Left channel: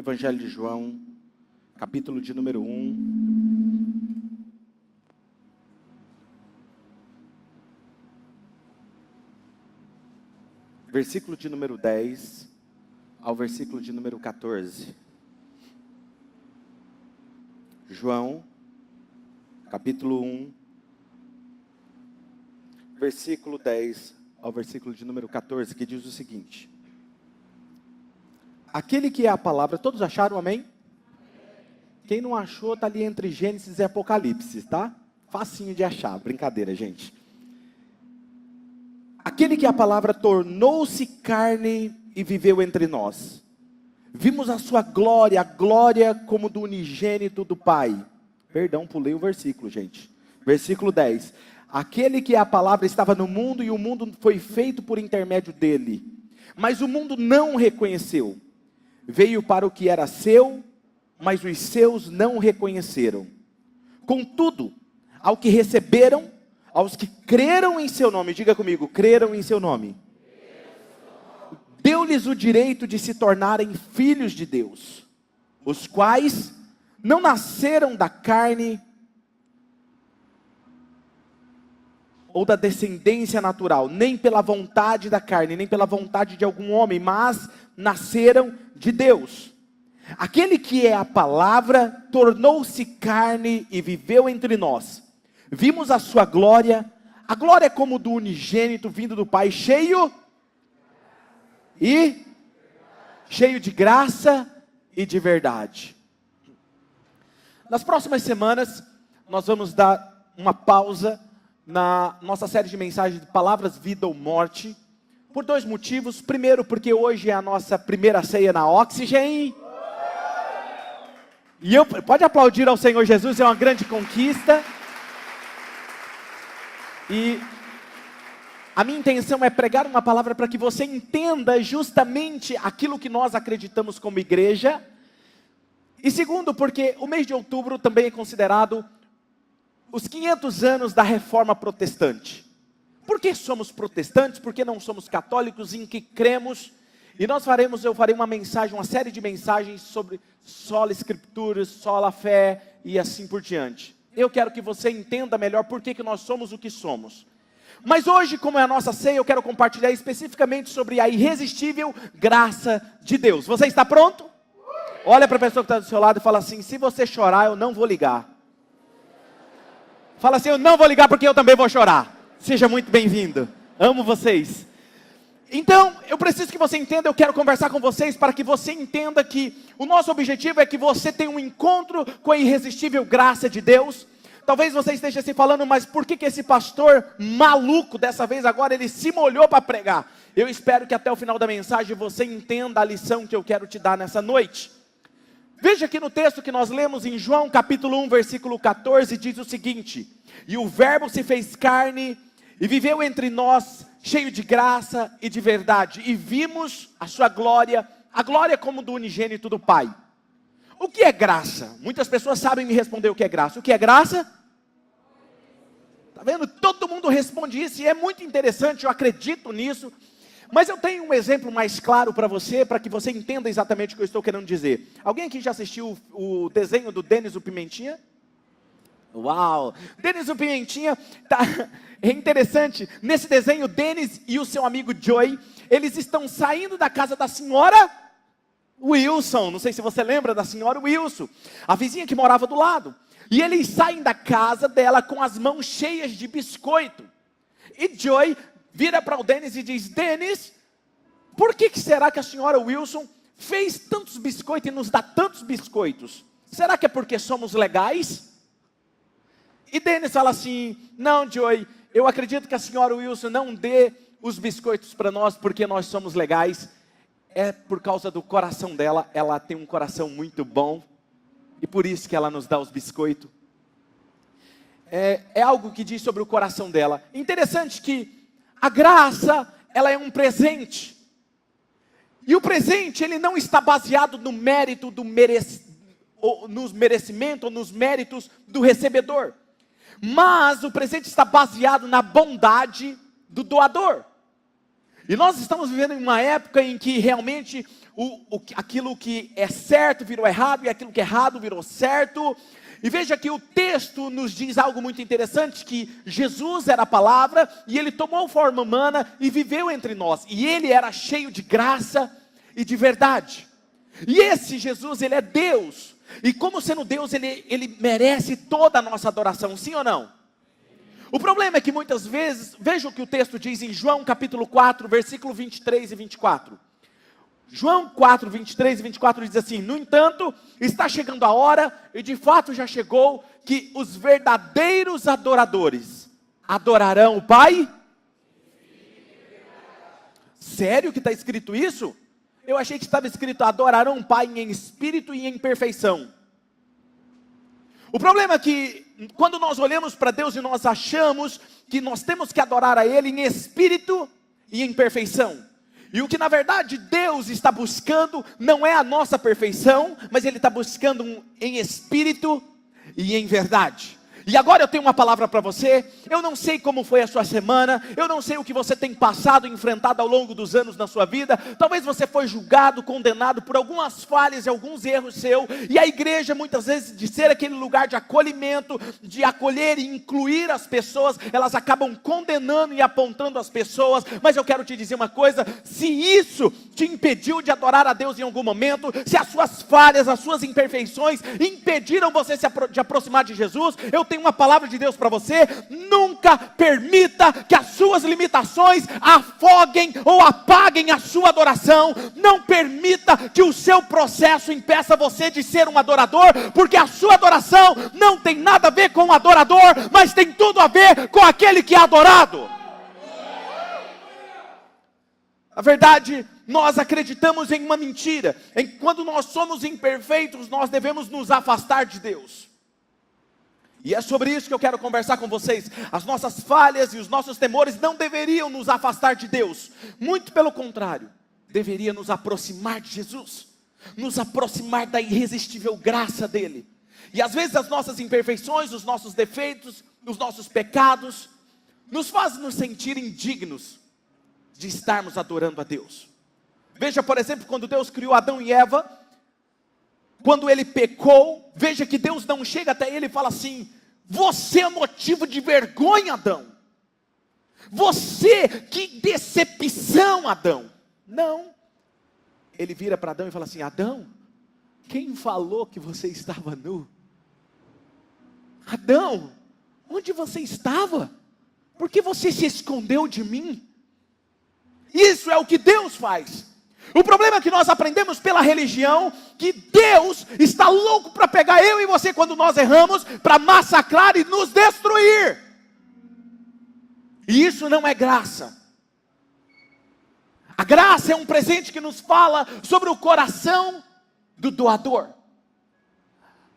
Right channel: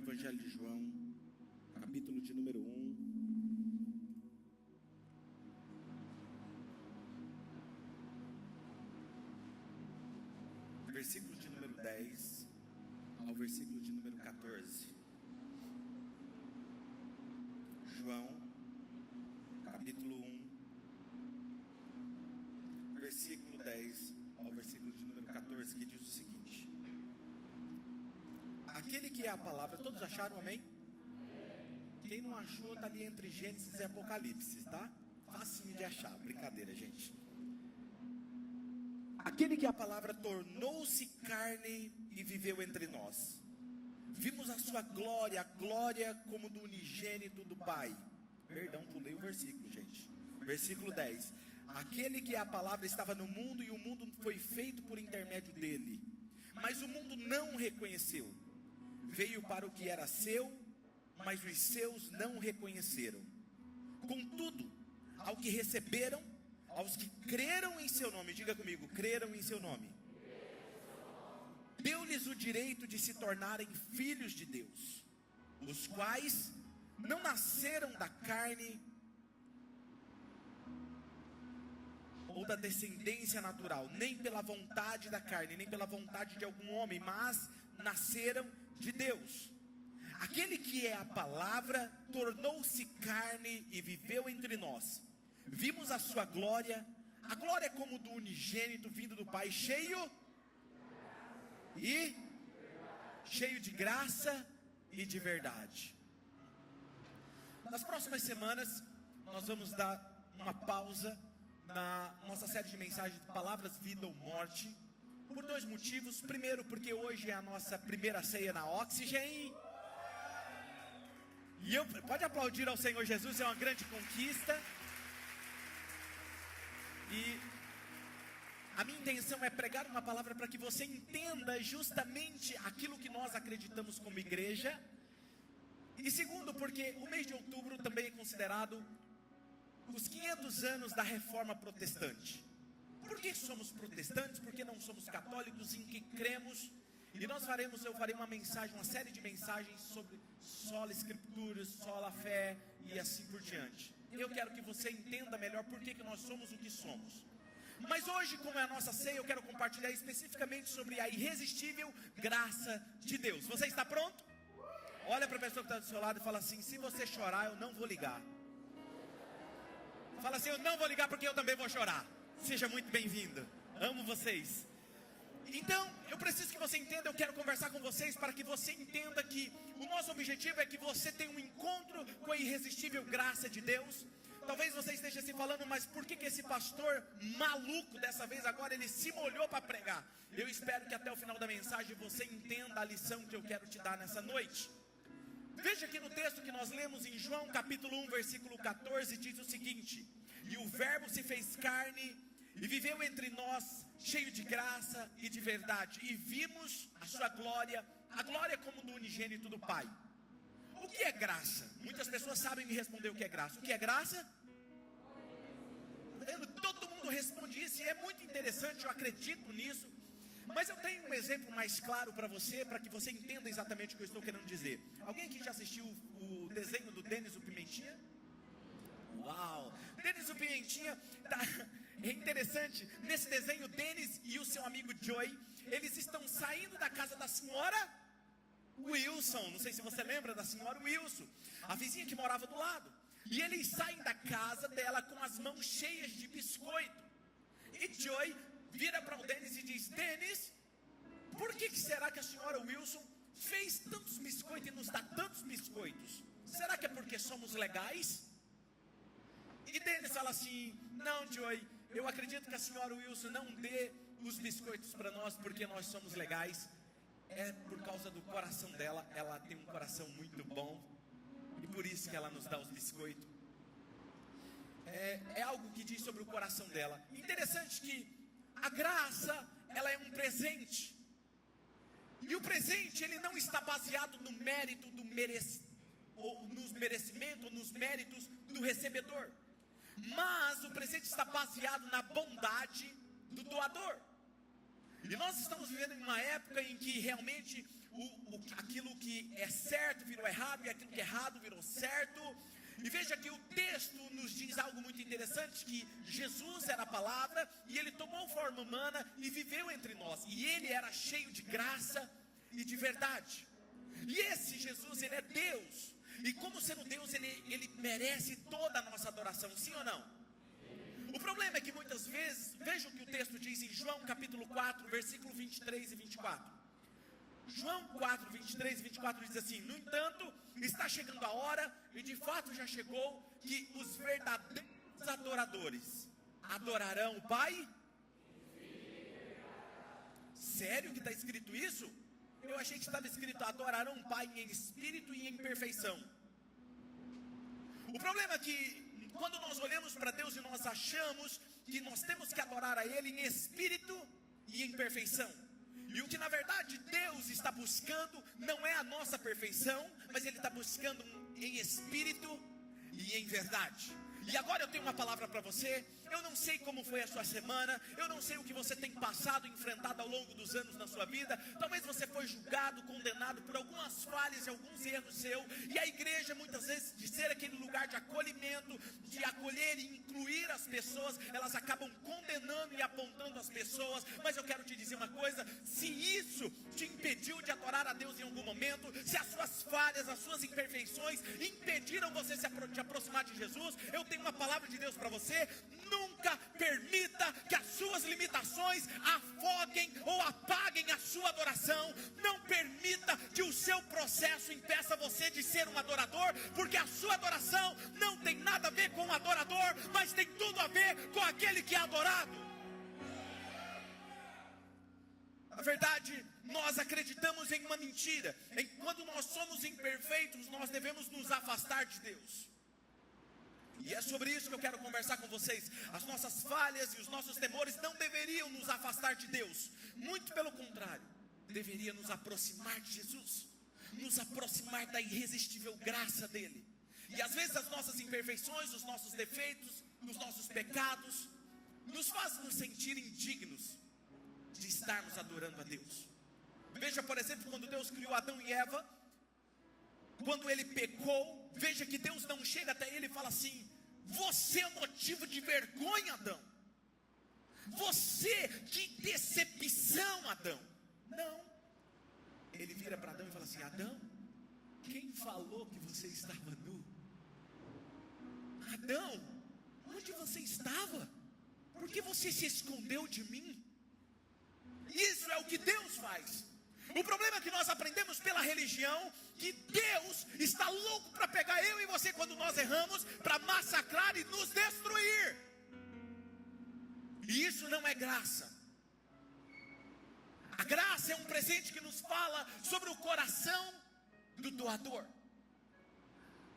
Evangelho de João, capítulo de número 1. Versículo de número 10 ao versículo de número 14. João, capítulo 1, versículo 10 ao versículo de número 14, que diz o seguinte: aquele que é a palavra, todos acharam, amém? Quem não achou, está ali entre Gênesis e Apocalipse, tá? Facinho de achar, brincadeira, gente. Aquele que é a palavra tornou-se carne e viveu entre nós. Vimos a sua glória, a glória como do unigênito do Pai. Perdão, pulei o versículo, gente. Versículo 10. Aquele que é a palavra estava no mundo e o mundo foi feito por intermédio dele. Mas o mundo não o reconheceu. Veio para o que era seu, mas os seus não o reconheceram. Contudo, ao que receberam, aos que creram em seu nome, diga comigo, creram em seu nome, deu-lhes o direito de se tornarem filhos de Deus, os quais não nasceram da carne ou da descendência natural, nem pela vontade da carne, nem pela vontade de algum homem, mas nasceram de Deus. Aquele que é a palavra tornou-se carne e viveu entre nós. Vimos a sua glória, a glória é como do unigênito vindo do Pai, cheio de graça e de verdade. Nas próximas semanas, nós vamos dar uma pausa na nossa série de mensagens de palavras, vida ou morte, por dois motivos. Primeiro, porque hoje é a nossa primeira ceia na Oxygen. Pode aplaudir ao Senhor Jesus, é uma grande conquista. E a minha intenção é pregar uma palavra para que você entenda justamente aquilo que nós acreditamos como igreja. E segundo, porque o mês de outubro também é considerado os 500 anos da Reforma Protestante. Por que somos protestantes? Por que não somos católicos? Em que cremos? E eu farei uma série de mensagens sobre sola escrituras, sola fé e assim por diante. Eu quero que você entenda melhor por que nós somos o que somos. Mas hoje, como é a nossa ceia, eu quero compartilhar especificamente sobre a irresistível graça de Deus. Você está pronto? Olha para a pessoa que está do seu lado e fala assim: se você chorar, eu não vou ligar. Fala assim: eu não vou ligar porque eu também vou chorar. Seja muito bem-vindo. Amo vocês. Então, eu preciso que você entenda, eu quero conversar com vocês para que você entenda que o nosso objetivo é que você tenha um encontro com a irresistível graça de Deus. Talvez você esteja se falando, mas por que esse pastor maluco, dessa vez agora, ele se molhou para pregar? Eu espero que até o final da mensagem você entenda a lição que eu quero te dar nessa noite. Veja aqui no texto que nós lemos em João capítulo 1, versículo 14, diz o seguinte: e o verbo se fez carne e viveu entre nós, cheio de graça e de verdade, e vimos a sua glória, a glória como do unigênito do Pai. O que é graça? Muitas pessoas sabem me responder o que é graça. O que é graça? Está vendo? Todo mundo responde isso, e é muito interessante, eu acredito nisso. Mas eu tenho um exemplo mais claro para você, para que você entenda exatamente o que eu estou querendo dizer. Alguém aqui já assistiu o desenho do Denis o Pimentinha? Uau! Denis o Pimentinha, é interessante, nesse desenho, Denis e o seu amigo Joey, eles estão saindo da casa da senhora Wilson. Não sei se você lembra da senhora Wilson, a vizinha que morava do lado. E eles saem da casa dela com as mãos cheias de biscoito. E Joey vira para o Denis e diz: Denis, por que será que a senhora Wilson fez tantos biscoitos e nos dá tantos biscoitos? Será que é porque somos legais? E Denis fala assim: não, Joey, eu acredito que a senhora Wilson não dê os biscoitos para nós porque nós somos legais. É por causa do coração dela, ela tem um coração muito bom, e por isso que ela nos dá os biscoitos. É algo que diz sobre o coração dela. Interessante que a graça, ela é um presente. E o presente, ele não está baseado no mérito nos merecimentos ou nos méritos do recebedor. Mas o presente está baseado na bondade do doador. E nós estamos vivendo em uma época em que realmente aquilo que é certo virou errado, e aquilo que é errado virou certo. E veja que o texto nos diz algo muito interessante, que Jesus era a palavra, e ele tomou forma humana e viveu entre nós, e ele era cheio de graça e de verdade. E esse Jesus, ele é Deus, e como sendo Deus, ele merece toda a nossa adoração, sim ou não? O problema é que muitas vezes, veja o que o texto diz em João capítulo 4, versículo 23 e 24. João 4, 23 e 24 diz assim: no entanto, está chegando a hora, e de fato já chegou, que os verdadeiros adoradores adorarão o Pai. Sério que está escrito isso? Eu achei que estava escrito: adorarão o Pai em espírito e em perfeição. O problema é que, quando nós olhamos para Deus e nós achamos que nós temos que adorar a Ele em espírito e em perfeição. E o que na verdade Deus está buscando não é a nossa perfeição, mas Ele está buscando em espírito e em verdade. E agora eu tenho uma palavra para você. Eu não sei como foi a sua semana, eu não sei o que você tem passado e enfrentado ao longo dos anos na sua vida. Talvez você foi julgado, condenado por algumas falhas e alguns erros seus. E a igreja, muitas vezes, de ser aquele lugar de acolhimento, de acolher e incluir as pessoas, elas acabam condenando e apontando as pessoas. Mas eu quero te dizer uma coisa: se isso te impediu de adorar a Deus em algum momento, se as suas falhas, as suas imperfeições impediram você de aproximar de Jesus, eu tenho uma palavra de Deus para você: nunca permita que as suas limitações afoguem ou apaguem a sua adoração. Não permita que o seu processo impeça você de ser um adorador, porque a sua adoração não tem nada a ver com o adorador, mas tem tudo a ver com aquele que é adorado. Na verdade, nós acreditamos em uma mentira, em que quando nós somos imperfeitos, nós devemos nos afastar de Deus. E é sobre isso que eu quero conversar com vocês. As nossas falhas e os nossos temores não deveriam nos afastar de Deus. Muito pelo contrário, deveria nos aproximar de Jesus, nos aproximar da irresistível graça dEle. E às vezes as nossas imperfeições, os nossos defeitos, os nossos pecados, nos fazem nos sentir indignos de estarmos adorando a Deus. Veja, por exemplo, quando Deus criou Adão e Eva, quando ele pecou, veja que Deus não chega até ele e fala assim: você é motivo de vergonha, Adão. Você, que decepção, Adão. Não. Ele vira para Adão e fala assim: Adão, quem falou que você estava nu? Adão, onde você estava? Por que você se escondeu de mim? Isso é o que Deus faz. O problema é que nós aprendemos pela religião que Deus está louco para pegar eu e você quando nós erramos, para massacrar e nos destruir. E isso não é graça. A graça é um presente que nos fala sobre o coração do doador.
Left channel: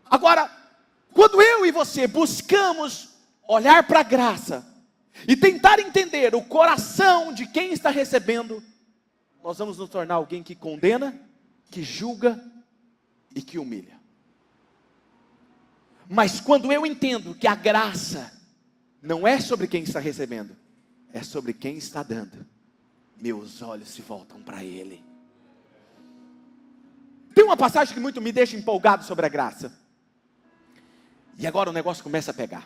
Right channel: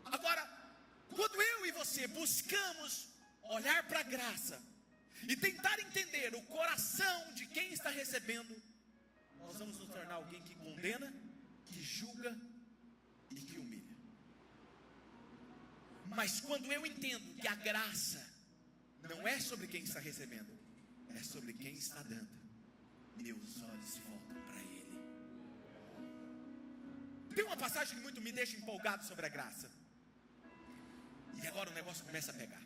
Agora, quando eu e você buscamos olhar para a graça e tentar entender o coração de quem está recebendo, nós vamos nos tornar alguém que condena, que julga e que humilha. Mas quando eu entendo que a graça não é sobre quem está recebendo, é sobre quem está dando, meus olhos se voltam para Ele. Tem uma passagem que muito me deixa empolgado sobre a graça. E agora o negócio começa a pegar.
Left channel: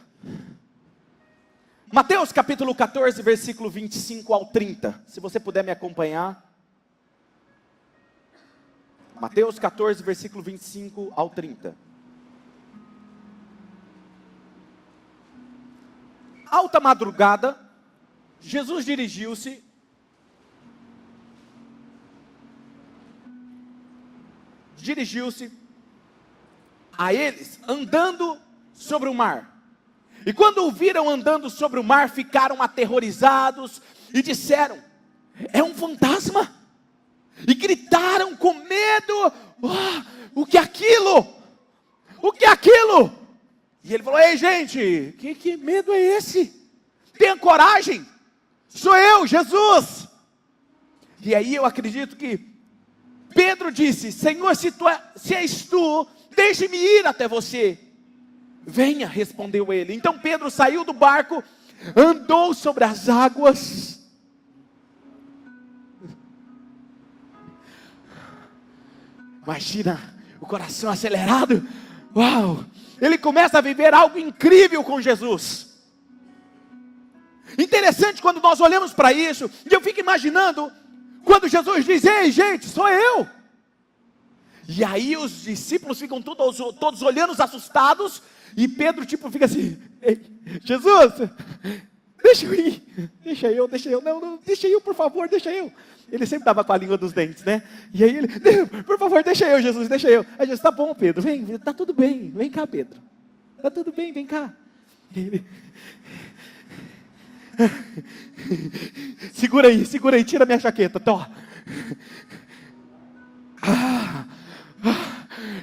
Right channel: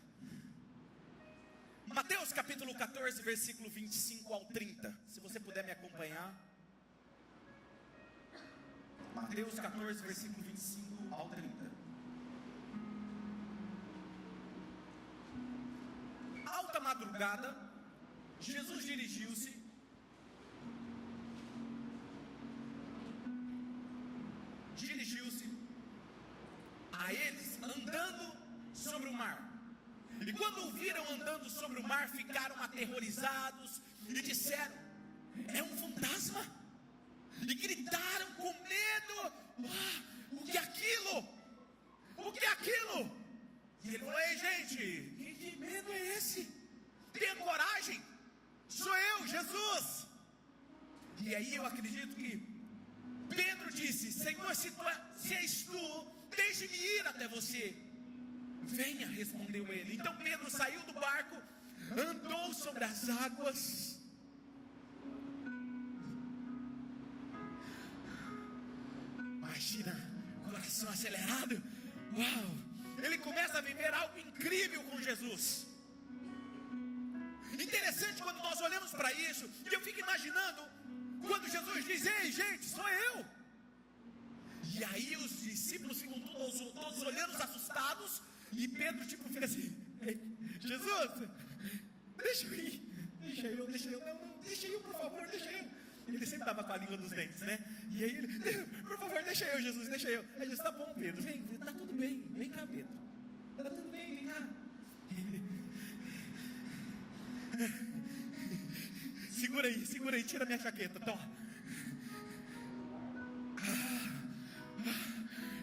Mateus capítulo 14, versículo 25 ao 30. Se você puder me acompanhar. Mateus 14, versículo 25 ao 30. Alta madrugada, Jesus dirigiu-se a eles, andando sobre o mar. E quando o viram andando sobre o mar, ficaram aterrorizados e disseram: é um fantasma. E gritaram com medo: o que é aquilo? O que é aquilo? E ele falou: ei gente, que medo é esse? Tenha coragem, sou eu, Jesus. E aí eu acredito que Pedro disse: Senhor, se és tu, deixe-me ir até você. Venha, respondeu ele. Então Pedro saiu do barco, andou sobre as águas, Imagina o coração acelerado. Uau! Ele começa a viver algo incrível com Jesus. Interessante quando nós olhamos para isso, e eu fico imaginando, quando Jesus diz: ei gente, sou eu. E aí os discípulos ficam todos olhando assustados, e Pedro fica assim: Jesus, deixa eu ir, deixa eu, não, deixa eu, por favor, deixa eu. Ele sempre estava com a língua dos dentes, né? E aí ele: por favor, deixa eu, Jesus, deixa eu. Aí Jesus: tá bom, Pedro, vem, tá tudo bem, vem cá, Pedro, tá tudo bem, vem cá. Ele: segura aí, tira minha jaqueta, tô.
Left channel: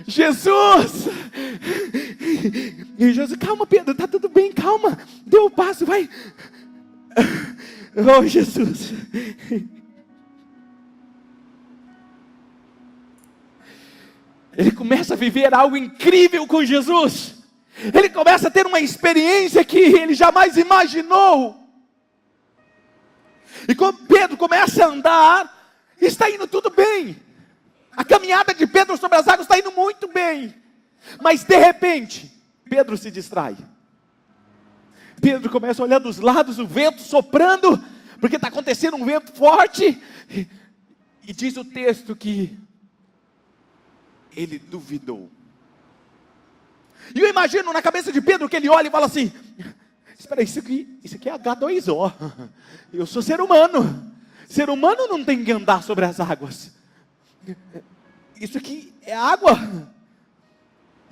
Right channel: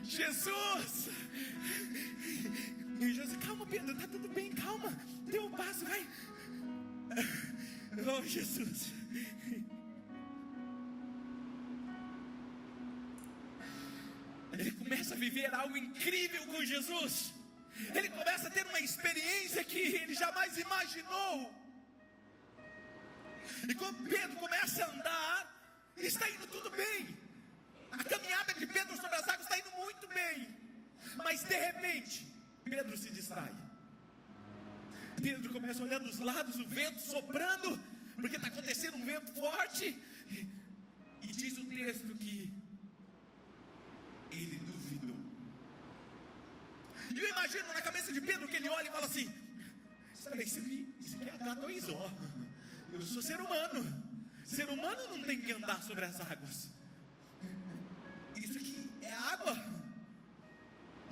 Jesus! E Jesus: calma, Pedro, tá tudo bem, calma, deu o passo, vai. Oh, Jesus! Ele começa a viver algo incrível com Jesus. Ele começa a ter uma experiência que ele jamais imaginou. E quando Pedro começa a andar, está indo tudo bem. A caminhada de Pedro sobre as águas está indo muito bem. Mas de repente, Pedro se distrai. Pedro começa a olhar dos lados, o vento soprando, porque está acontecendo um vento forte. E diz o texto que ele duvidou. E eu imagino na cabeça de Pedro que ele olha e fala assim: espera aí, isso aqui é H2O. Eu sou ser humano. Ser humano não tem que andar sobre as águas. Isso aqui é água.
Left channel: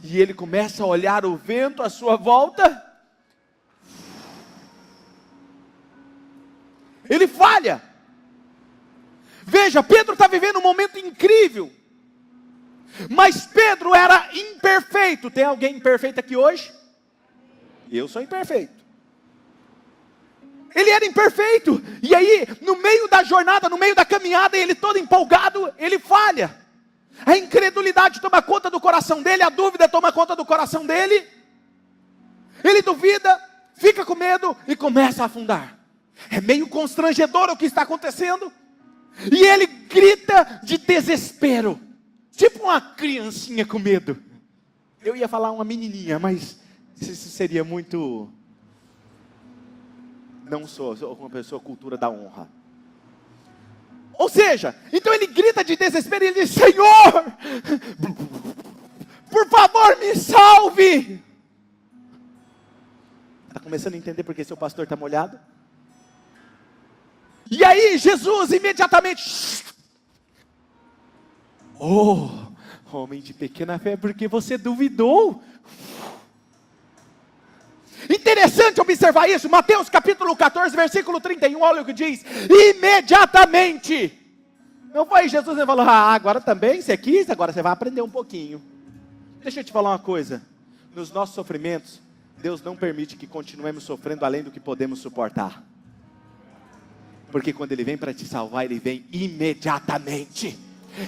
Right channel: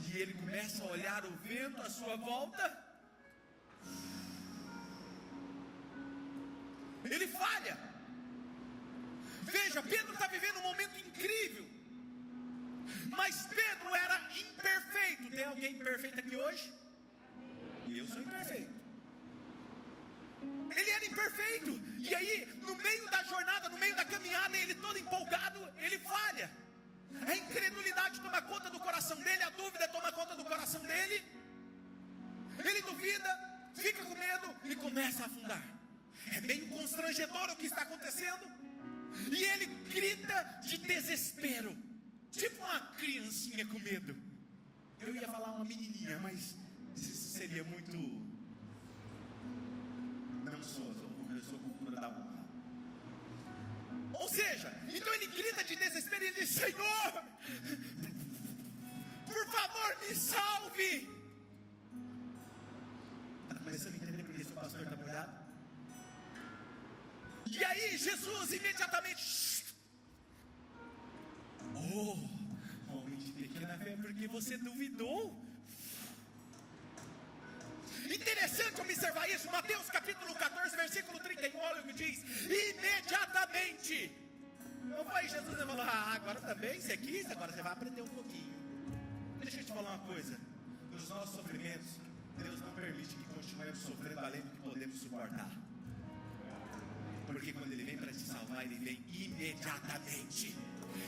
E ele começa a olhar o vento à sua volta. Ele falha. Veja, Pedro está vivendo um momento incrível. Mas Pedro era imperfeito. Tem alguém imperfeito aqui hoje? Eu sou imperfeito. Ele era imperfeito. E aí, no meio da jornada, no meio da caminhada, ele todo empolgado, ele falha. A incredulidade toma conta do coração dele, a dúvida toma conta do coração dele. Ele duvida, fica com medo e começa a afundar. É meio constrangedor o que está acontecendo. E ele grita de desespero, tipo uma criancinha com medo. Eu ia falar uma menininha, mas isso seria muito... Não sou uma pessoa cultura da honra. Ou seja, então ele grita de desespero e ele diz: Senhor, por favor me salve. Está começando a entender porque seu pastor está molhado? E aí Jesus imediatamente: oh, homem de pequena fé, porque você duvidou. Interessante observar isso. Mateus capítulo 14, versículo 31, olha o que diz: imediatamente. Não foi Jesus que falou: agora também você quis, agora você vai aprender um pouquinho. Deixa eu te falar uma coisa. Nos nossos sofrimentos, Deus não permite que continuemos sofrendo além do que podemos suportar. Porque quando Ele vem para te salvar, Ele vem imediatamente.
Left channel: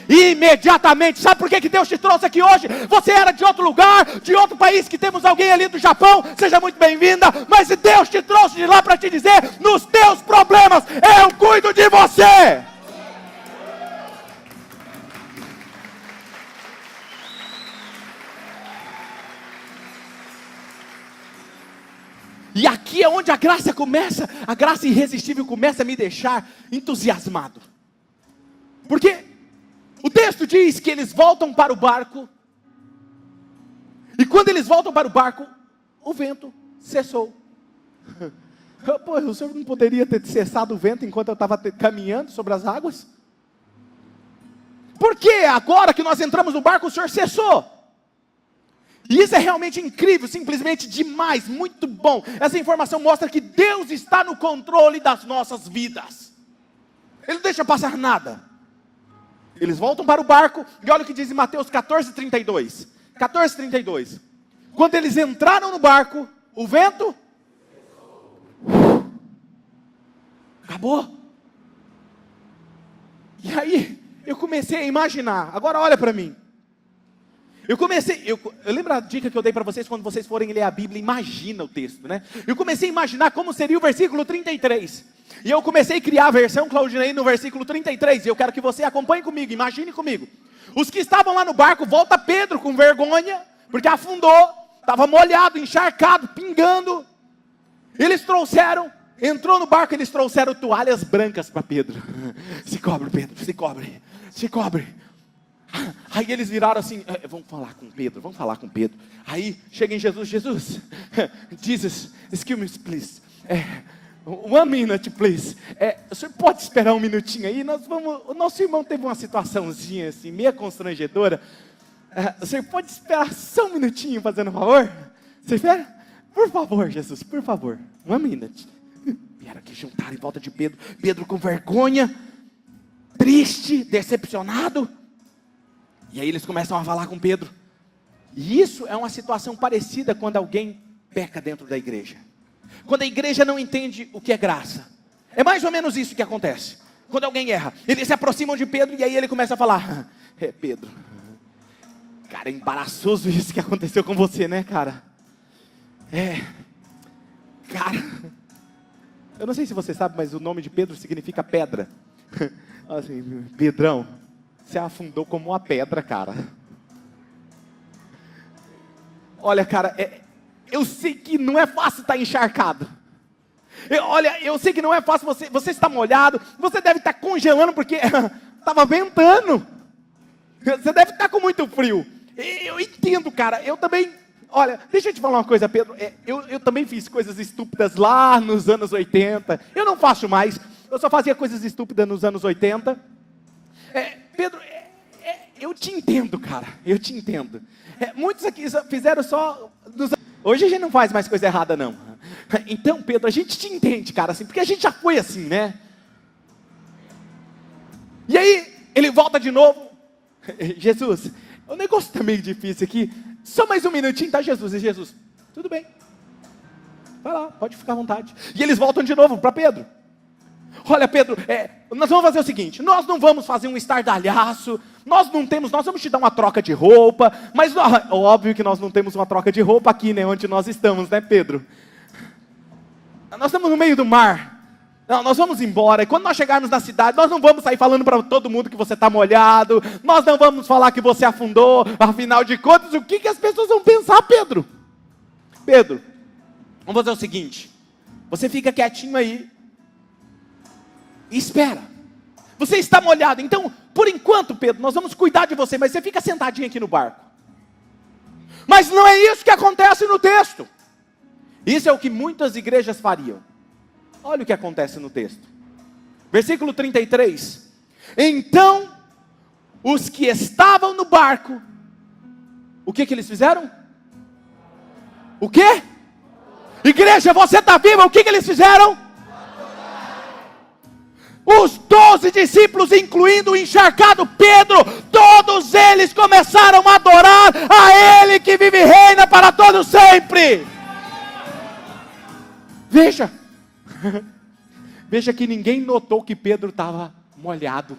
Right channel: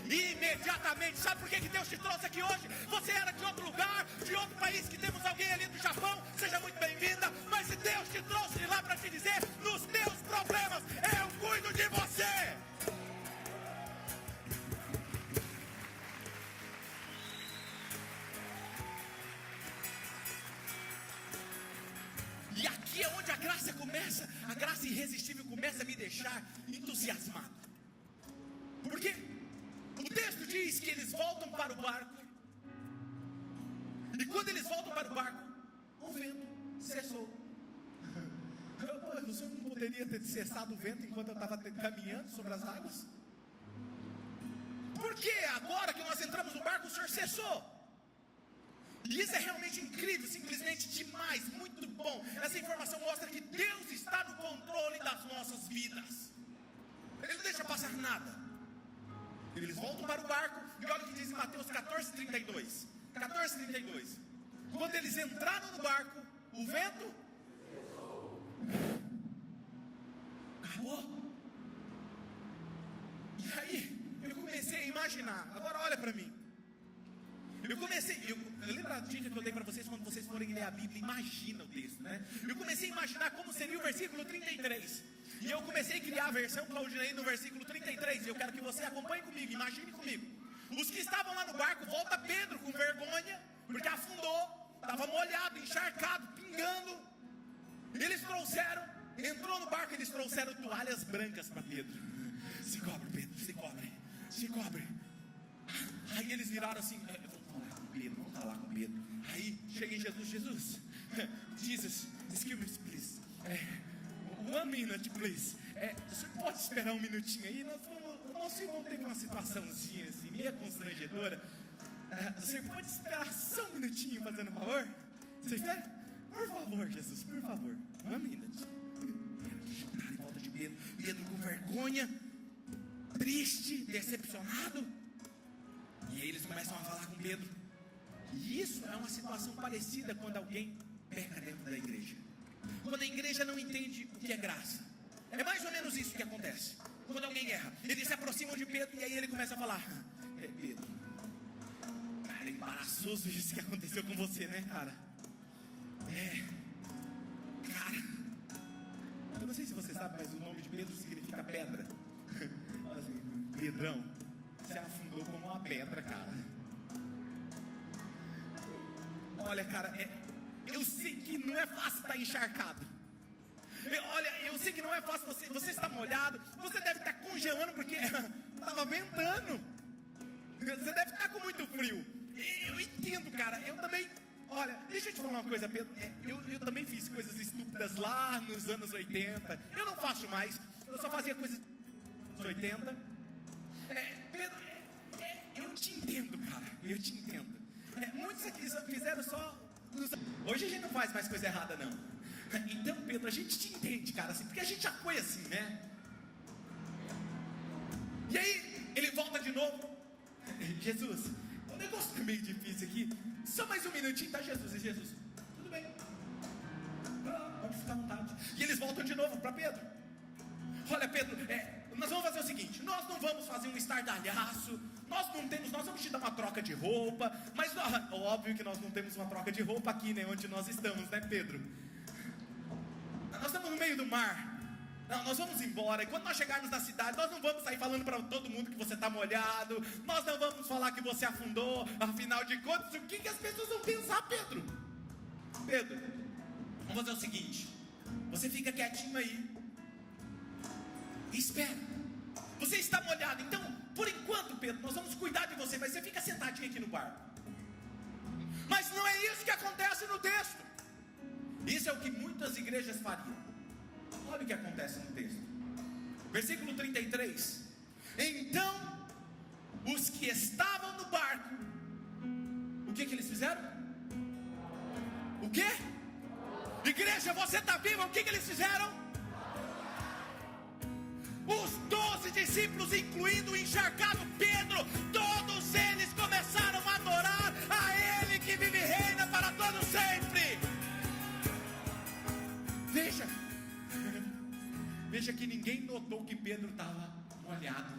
Imediatamente. Sabe por que Deus te trouxe aqui hoje? Você era de outro lugar, de outro país, que temos alguém ali do Japão, seja muito bem-vinda. Mas se Deus te trouxe de lá para te dizer: nos teus problemas, eu cuido de você. E aqui é onde a graça começa, a graça irresistível começa a me deixar entusiasmado. Porque o texto diz que eles voltam para o barco. E quando eles voltam para o barco, o vento cessou. Pô, o senhor não poderia ter cessado o vento enquanto eu estava caminhando sobre as águas? Por que agora que nós entramos no barco o senhor cessou? E isso é realmente incrível, simplesmente demais, muito bom. Essa informação mostra que Deus está no controle das nossas vidas. Ele não deixa passar nada. Eles voltam para o barco, e olha o que diz em Mateus 14:32. 14:32. Quando eles entraram no barco, o vento acabou. E aí, eu comecei a imaginar. Agora olha para mim. Eu lembro a dica que eu dei para vocês quando vocês forem ler a Bíblia, imagina o texto, né? Eu comecei a imaginar como seria o versículo 33. E eu comecei a criar a versão Claudinei no versículo 33. E eu quero que você acompanhe comigo, imagine comigo. Os que estavam lá no barco, volta Pedro com vergonha, porque afundou, estava molhado, encharcado, pingando. Eles trouxeram, entrou no barco, eles trouxeram toalhas brancas para Pedro. Se cobre, Pedro, se cobre, se cobre. Aí eles viraram assim, vamos falar com Pedro, vamos falar com Pedro. Aí chega em Jesus, Jesus, excuse me, please. 1 minute, please. O senhor pode esperar um minutinho aí? O nosso irmão teve uma situaçãozinha assim, meio constrangedora. O senhor pode esperar só um minutinho, fazendo um favor? Você espera? Por favor, Jesus, por favor. 1 minute. Vieram aqui juntar em volta de Pedro. Pedro com vergonha, triste, decepcionado. E aí eles começam a falar com Pedro. E isso é uma situação parecida quando alguém peca dentro da igreja. Quando a igreja não entende o que é graça. É mais ou menos isso que acontece. Quando alguém erra, eles se aproximam de Pedro e aí ele começa a falar: Pedro, cara, é embaraçoso isso que aconteceu com você, né, cara? Cara, eu não sei se você sabe, mas o nome de Pedro significa pedra. Assim, Pedrão, você afundou como uma pedra, cara. Olha, cara, eu sei que não é fácil estar encharcado. Eu sei que não é fácil, você está molhado, você deve estar congelando porque estava ventando. Você deve estar com muito frio. Eu entendo, cara, eu também. Olha, deixa eu te falar uma coisa, Pedro. Eu também fiz coisas estúpidas lá nos anos 80. Eu não faço mais, eu só fazia coisas estúpidas nos anos 80. Pedro, eu te entendo, cara, eu te entendo. Muitos aqui fizeram só... Hoje a gente não faz mais coisa errada, não. Então, Pedro, a gente te entende, cara, assim, porque a gente já foi assim, né? E aí, ele volta de novo. Jesus, o negócio tá meio difícil aqui. Só mais um minutinho, tá, Jesus? E Jesus, tudo bem. Vai lá, pode ficar à vontade. E eles voltam de novo para Pedro. Olha, Pedro, nós vamos fazer o seguinte, nós não vamos fazer um estardalhaço, nós vamos te dar uma troca de roupa, mas óbvio que nós não temos uma troca de roupa aqui, né, onde nós estamos, né, Pedro? Nós estamos no meio do mar, não, nós vamos embora, e quando nós chegarmos na cidade, nós não vamos sair falando para todo mundo que você está molhado, nós não vamos falar que você afundou, afinal de contas, o que as pessoas vão pensar, Pedro? Pedro, vamos fazer o seguinte, você fica quietinho aí, espera, você está molhado, então, por enquanto, Pedro, nós vamos cuidar de você, mas você fica sentadinho aqui no barco. Mas não é isso que acontece no texto. Isso é o que muitas igrejas fariam. Olha o que acontece no texto. Versículo 33. Então, os que estavam no barco, o que eles fizeram? O quê? Igreja, você está viva, o que eles fizeram? Os 12 discípulos, incluindo o encharcado Pedro, todos eles começaram a adorar a Ele que vive e reina para todo sempre. Veja, veja que ninguém notou que Pedro estava molhado.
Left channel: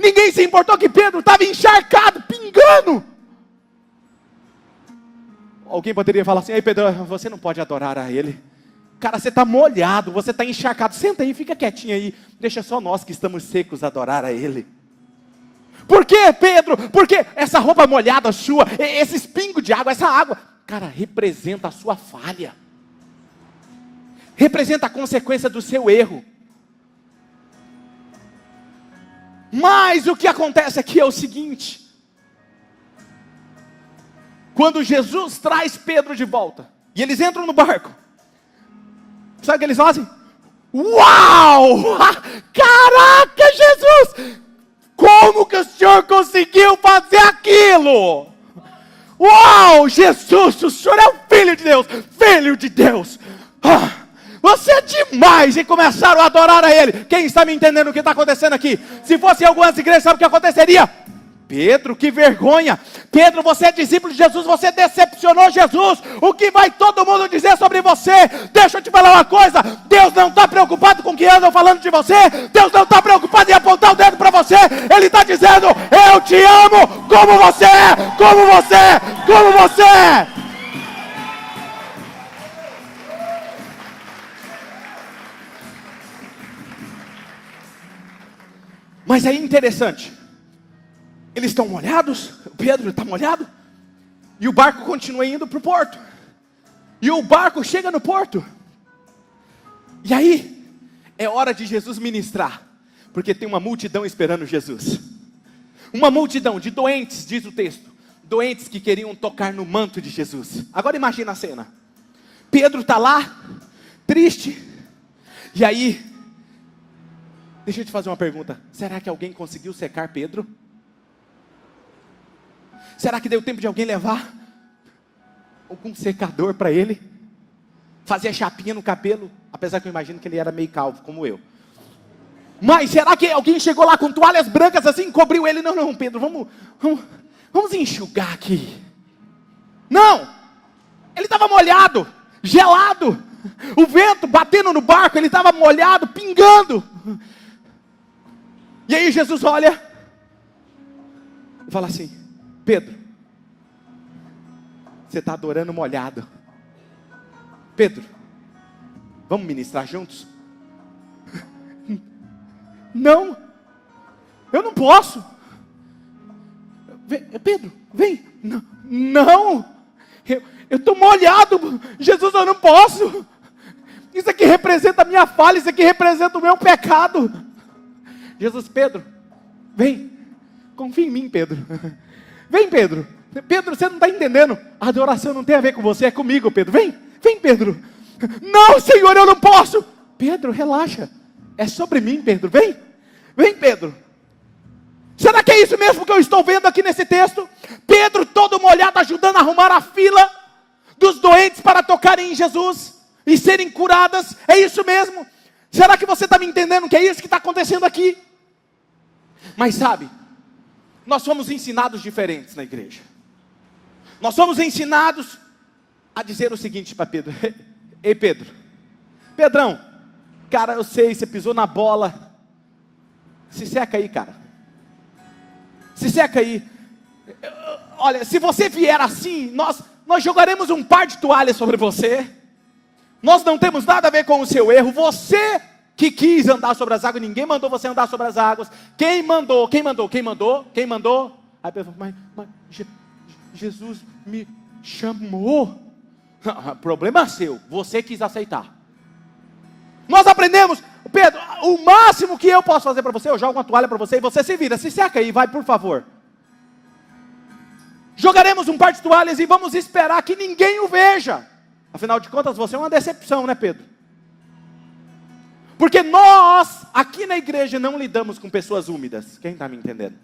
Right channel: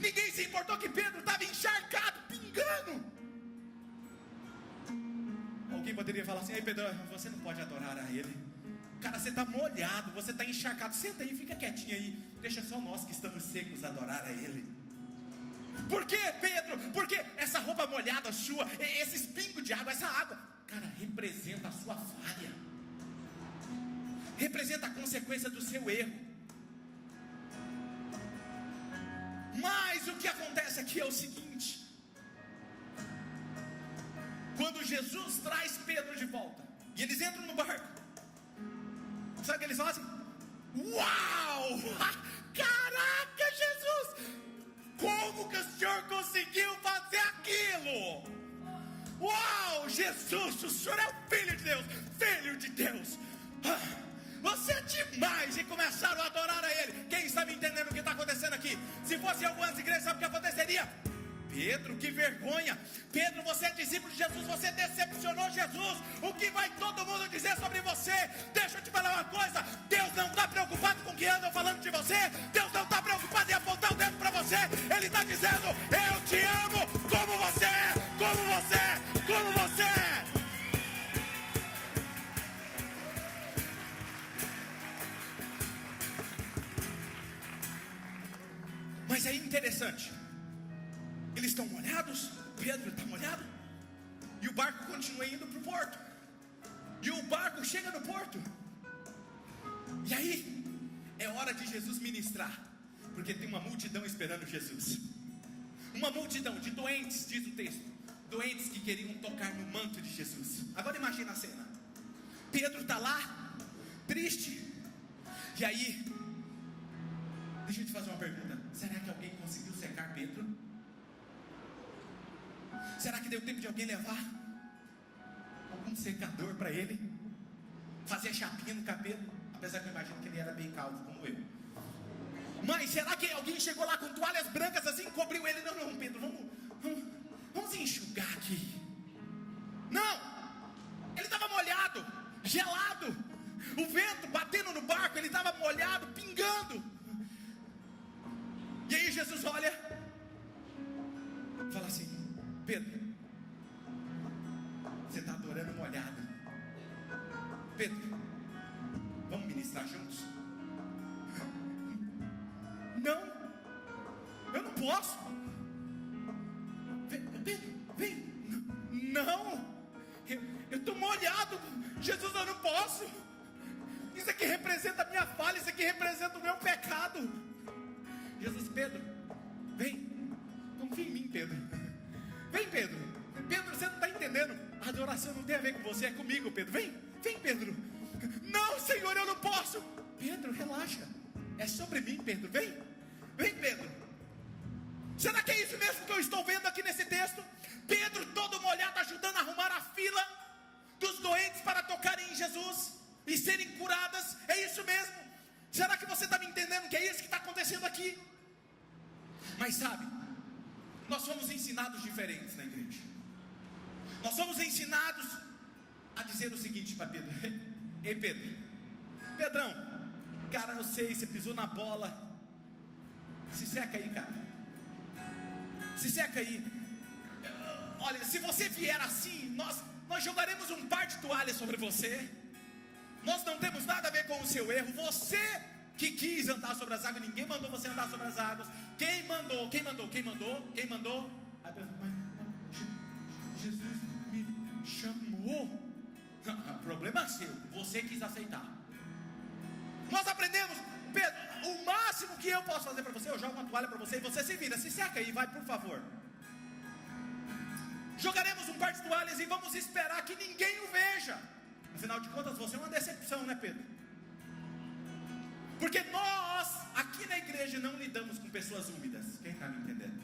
Ninguém se importou que Pedro estava encharcado, pingando. Alguém poderia falar assim: ei, Pedro, você não pode adorar a Ele. Cara, você está molhado, você está encharcado, senta aí, fica quietinho aí, deixa só nós que estamos secos adorar a Ele. Por quê, Pedro? Porque essa roupa molhada sua, esses pingos de água, essa água, cara, representa a sua falha, representa a consequência do seu erro. Mas o que acontece aqui é o seguinte: quando Jesus traz Pedro de volta, e eles entram no barco, sabe o que eles fazem? Uau! Caraca, Jesus! Como que o Senhor conseguiu fazer aquilo? Uau, Jesus, o Senhor é o Filho de Deus! Filho de Deus! Você é demais! E começaram a adorar a Ele. Quem está me entendendo o que está acontecendo aqui? Se fosse em algumas igrejas, sabe o que aconteceria? Pedro, que vergonha! Pedro, você é discípulo de Jesus, você decepcionou Jesus. O que vai todo mundo dizer sobre você? Deixa eu te falar uma coisa: Deus não está preocupado com o que andam falando de você. Deus não está preocupado em apontar o dedo para você. Ele está dizendo: eu te amo como você é, como você é, como você é. Mas aí interessante, eles estão molhados, Pedro está molhado, e o barco continua indo para o porto, e o barco chega no porto, e aí, é hora de Jesus ministrar, porque tem uma multidão esperando Jesus, uma multidão de doentes, diz o texto, doentes que queriam tocar no manto de Jesus. Agora imagina a cena, Pedro está lá, triste, e aí, deixa eu te fazer uma pergunta, será que alguém conseguiu secar Pedro? Será que deu tempo de alguém levar algum secador para ele? Fazer chapinha no cabelo, apesar que eu imagino que ele era meio calvo, como eu. Mas será que alguém chegou lá com toalhas brancas assim, cobriu ele? Não, Pedro, vamos enxugar aqui. Não, ele estava molhado, gelado, o vento batendo no barco, ele estava molhado, pingando. E aí Jesus olha e fala assim: Pedro, você está adorando molhado. Pedro, vamos ministrar juntos? Não, eu não posso. Pedro, vem. Não, eu estou molhado. Jesus, eu não posso. Isso aqui representa a minha falha, isso aqui representa o meu pecado. Jesus, Pedro, vem, confia em mim, Pedro. Vem, Pedro. Pedro, você não está entendendo. A adoração não tem a ver com você, é comigo, Pedro. Vem, Pedro. Não, Senhor, eu não posso. Pedro, relaxa. É sobre mim, Pedro. Vem, Pedro. Será que é isso mesmo que eu estou vendo aqui nesse texto? Pedro todo molhado, ajudando a arrumar a fila dos doentes para tocarem em Jesus e serem curadas. É isso mesmo? Será que você está me entendendo que é isso que está acontecendo aqui? Mas sabe, nós somos ensinados diferentes na igreja. Nós somos ensinados a dizer o seguinte para Pedro: ei Pedro, Pedrão, cara, eu sei, você pisou na bola, se seca aí, cara, se seca aí. Olha, se você vier assim, nós jogaremos um par de toalhas sobre você. Nós não temos nada a ver com o seu erro. Você que quis andar sobre as águas, ninguém mandou você andar sobre as águas. Quem mandou? Aí Pedro falou: mas Jesus me chamou. O problema é seu, você quis aceitar. Nós aprendemos, Pedro, o máximo que eu posso fazer para você, eu jogo uma toalha para você e você se vira, se seca aí, vai, por favor. Jogaremos um par de toalhas e vamos esperar que ninguém o veja. Afinal de contas, você é uma decepção, né, Pedro? Porque nós, aqui na igreja, não lidamos com pessoas úmidas. Quem está me entendendo?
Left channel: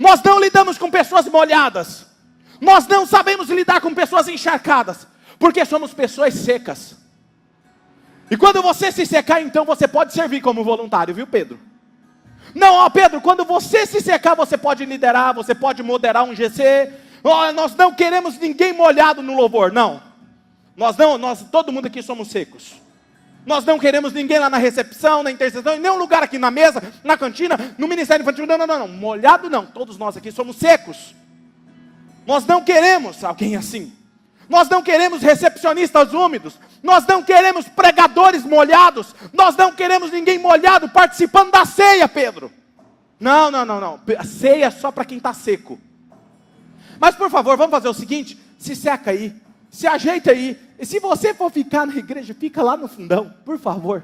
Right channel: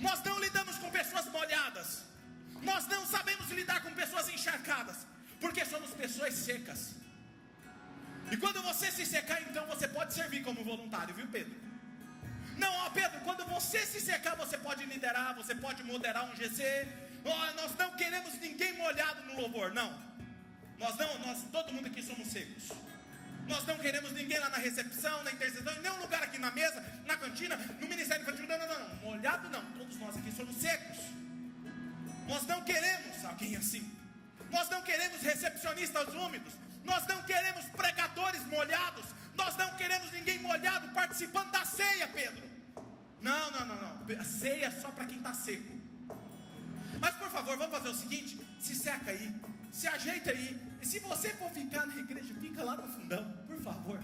Nós não lidamos com pessoas molhadas. Nós não sabemos lidar com pessoas encharcadas. Porque somos pessoas secas. E quando você se secar, então você pode servir como voluntário, viu, Pedro? Não, ó, Pedro, quando você se secar, você pode liderar, você pode moderar um GC. Nós não queremos ninguém molhado no louvor, não. Nós todo mundo aqui somos secos. Nós não queremos ninguém lá na recepção, na intercessão, em nenhum lugar aqui na mesa, na cantina, no ministério infantil, não, molhado não, todos nós aqui somos secos. Nós não queremos alguém assim. Nós não queremos recepcionistas úmidos. Nós não queremos pregadores molhados. Nós não queremos ninguém molhado participando da ceia, Pedro. Não. A ceia é só para quem está seco. Mas por favor, vamos fazer o seguinte: se seca aí, se ajeita aí. E se você for ficar na igreja, fica lá no fundão, por favor.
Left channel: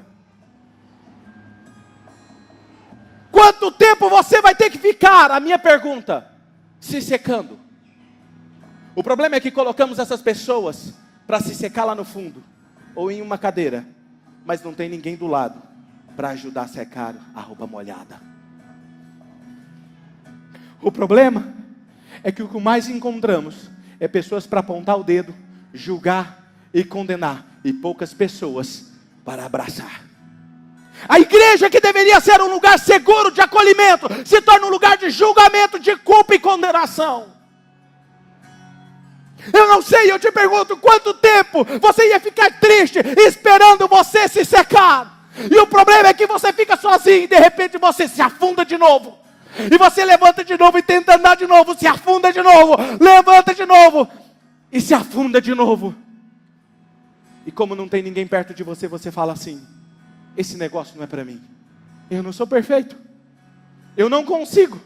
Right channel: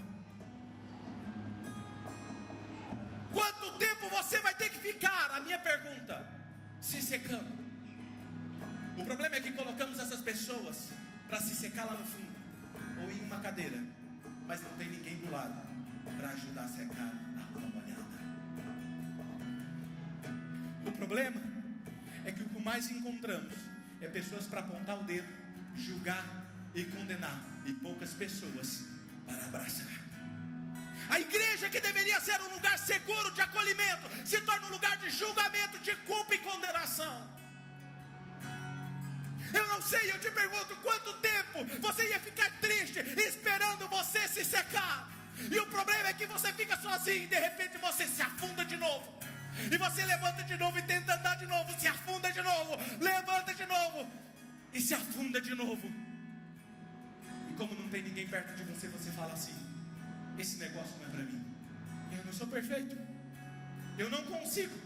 Quanto tempo você vai ter que ficar? A minha pergunta: se secando. O problema é que colocamos essas pessoas para se secar lá no fundo, ou em uma cadeira, mas não tem ninguém do lado para ajudar a secar a roupa molhada. O problema é que o que mais encontramos é pessoas para apontar o dedo, julgar e condenar, e poucas pessoas para abraçar. A igreja, que deveria ser um lugar seguro de acolhimento, se torna um lugar de julgamento, de culpa e condenação. Eu não sei, eu te pergunto, quanto tempo você ia ficar triste esperando você se secar? E o problema é que você fica sozinho e de repente você se afunda de novo. E você levanta de novo e tenta andar de novo, se afunda de novo, levanta de novo e se afunda de novo. E como não tem ninguém perto de você, você fala assim: esse negócio não é para mim. Eu não sou perfeito. Eu não consigo.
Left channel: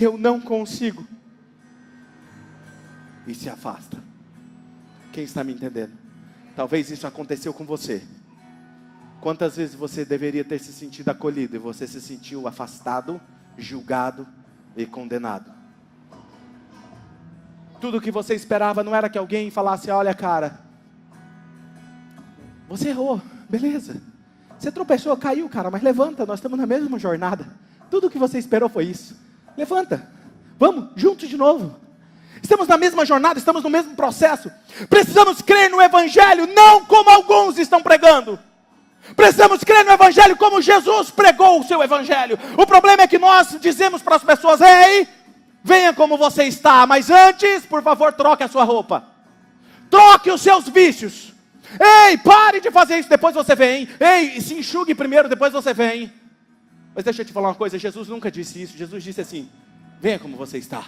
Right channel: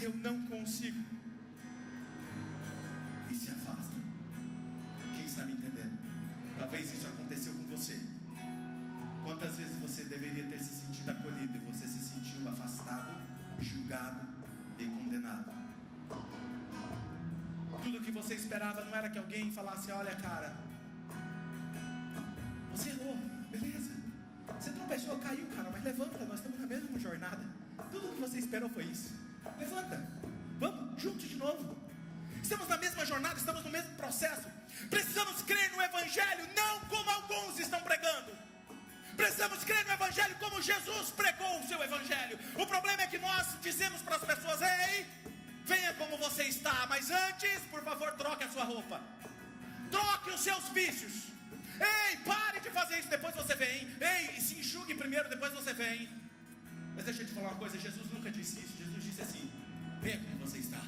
Eu não consigo. E se afasta. Quem está me entendendo? Talvez isso aconteceu com você. Quantas vezes você deveria ter se sentido acolhido e você se sentiu afastado, julgado e condenado? Tudo que você esperava não era que alguém falasse: olha, cara, você errou, beleza. Você tropeçou, caiu, cara, mas levanta, nós estamos na mesma jornada. Tudo que você esperou foi isso. Levanta, vamos, juntos de novo. Estamos na mesma jornada, estamos no mesmo processo. Precisamos crer no Evangelho, não como alguns estão pregando. Precisamos crer no Evangelho como Jesus pregou o seu Evangelho. O problema é que nós dizemos para as pessoas: ei, venha como você está, mas antes, por favor, troque a sua roupa. Troque os seus vícios. Ei, pare de fazer isso, depois você vem. Ei, se enxugue primeiro, depois você vem. Mas deixa eu te falar uma coisa, Jesus nunca disse isso. Jesus disse assim: venha como você está.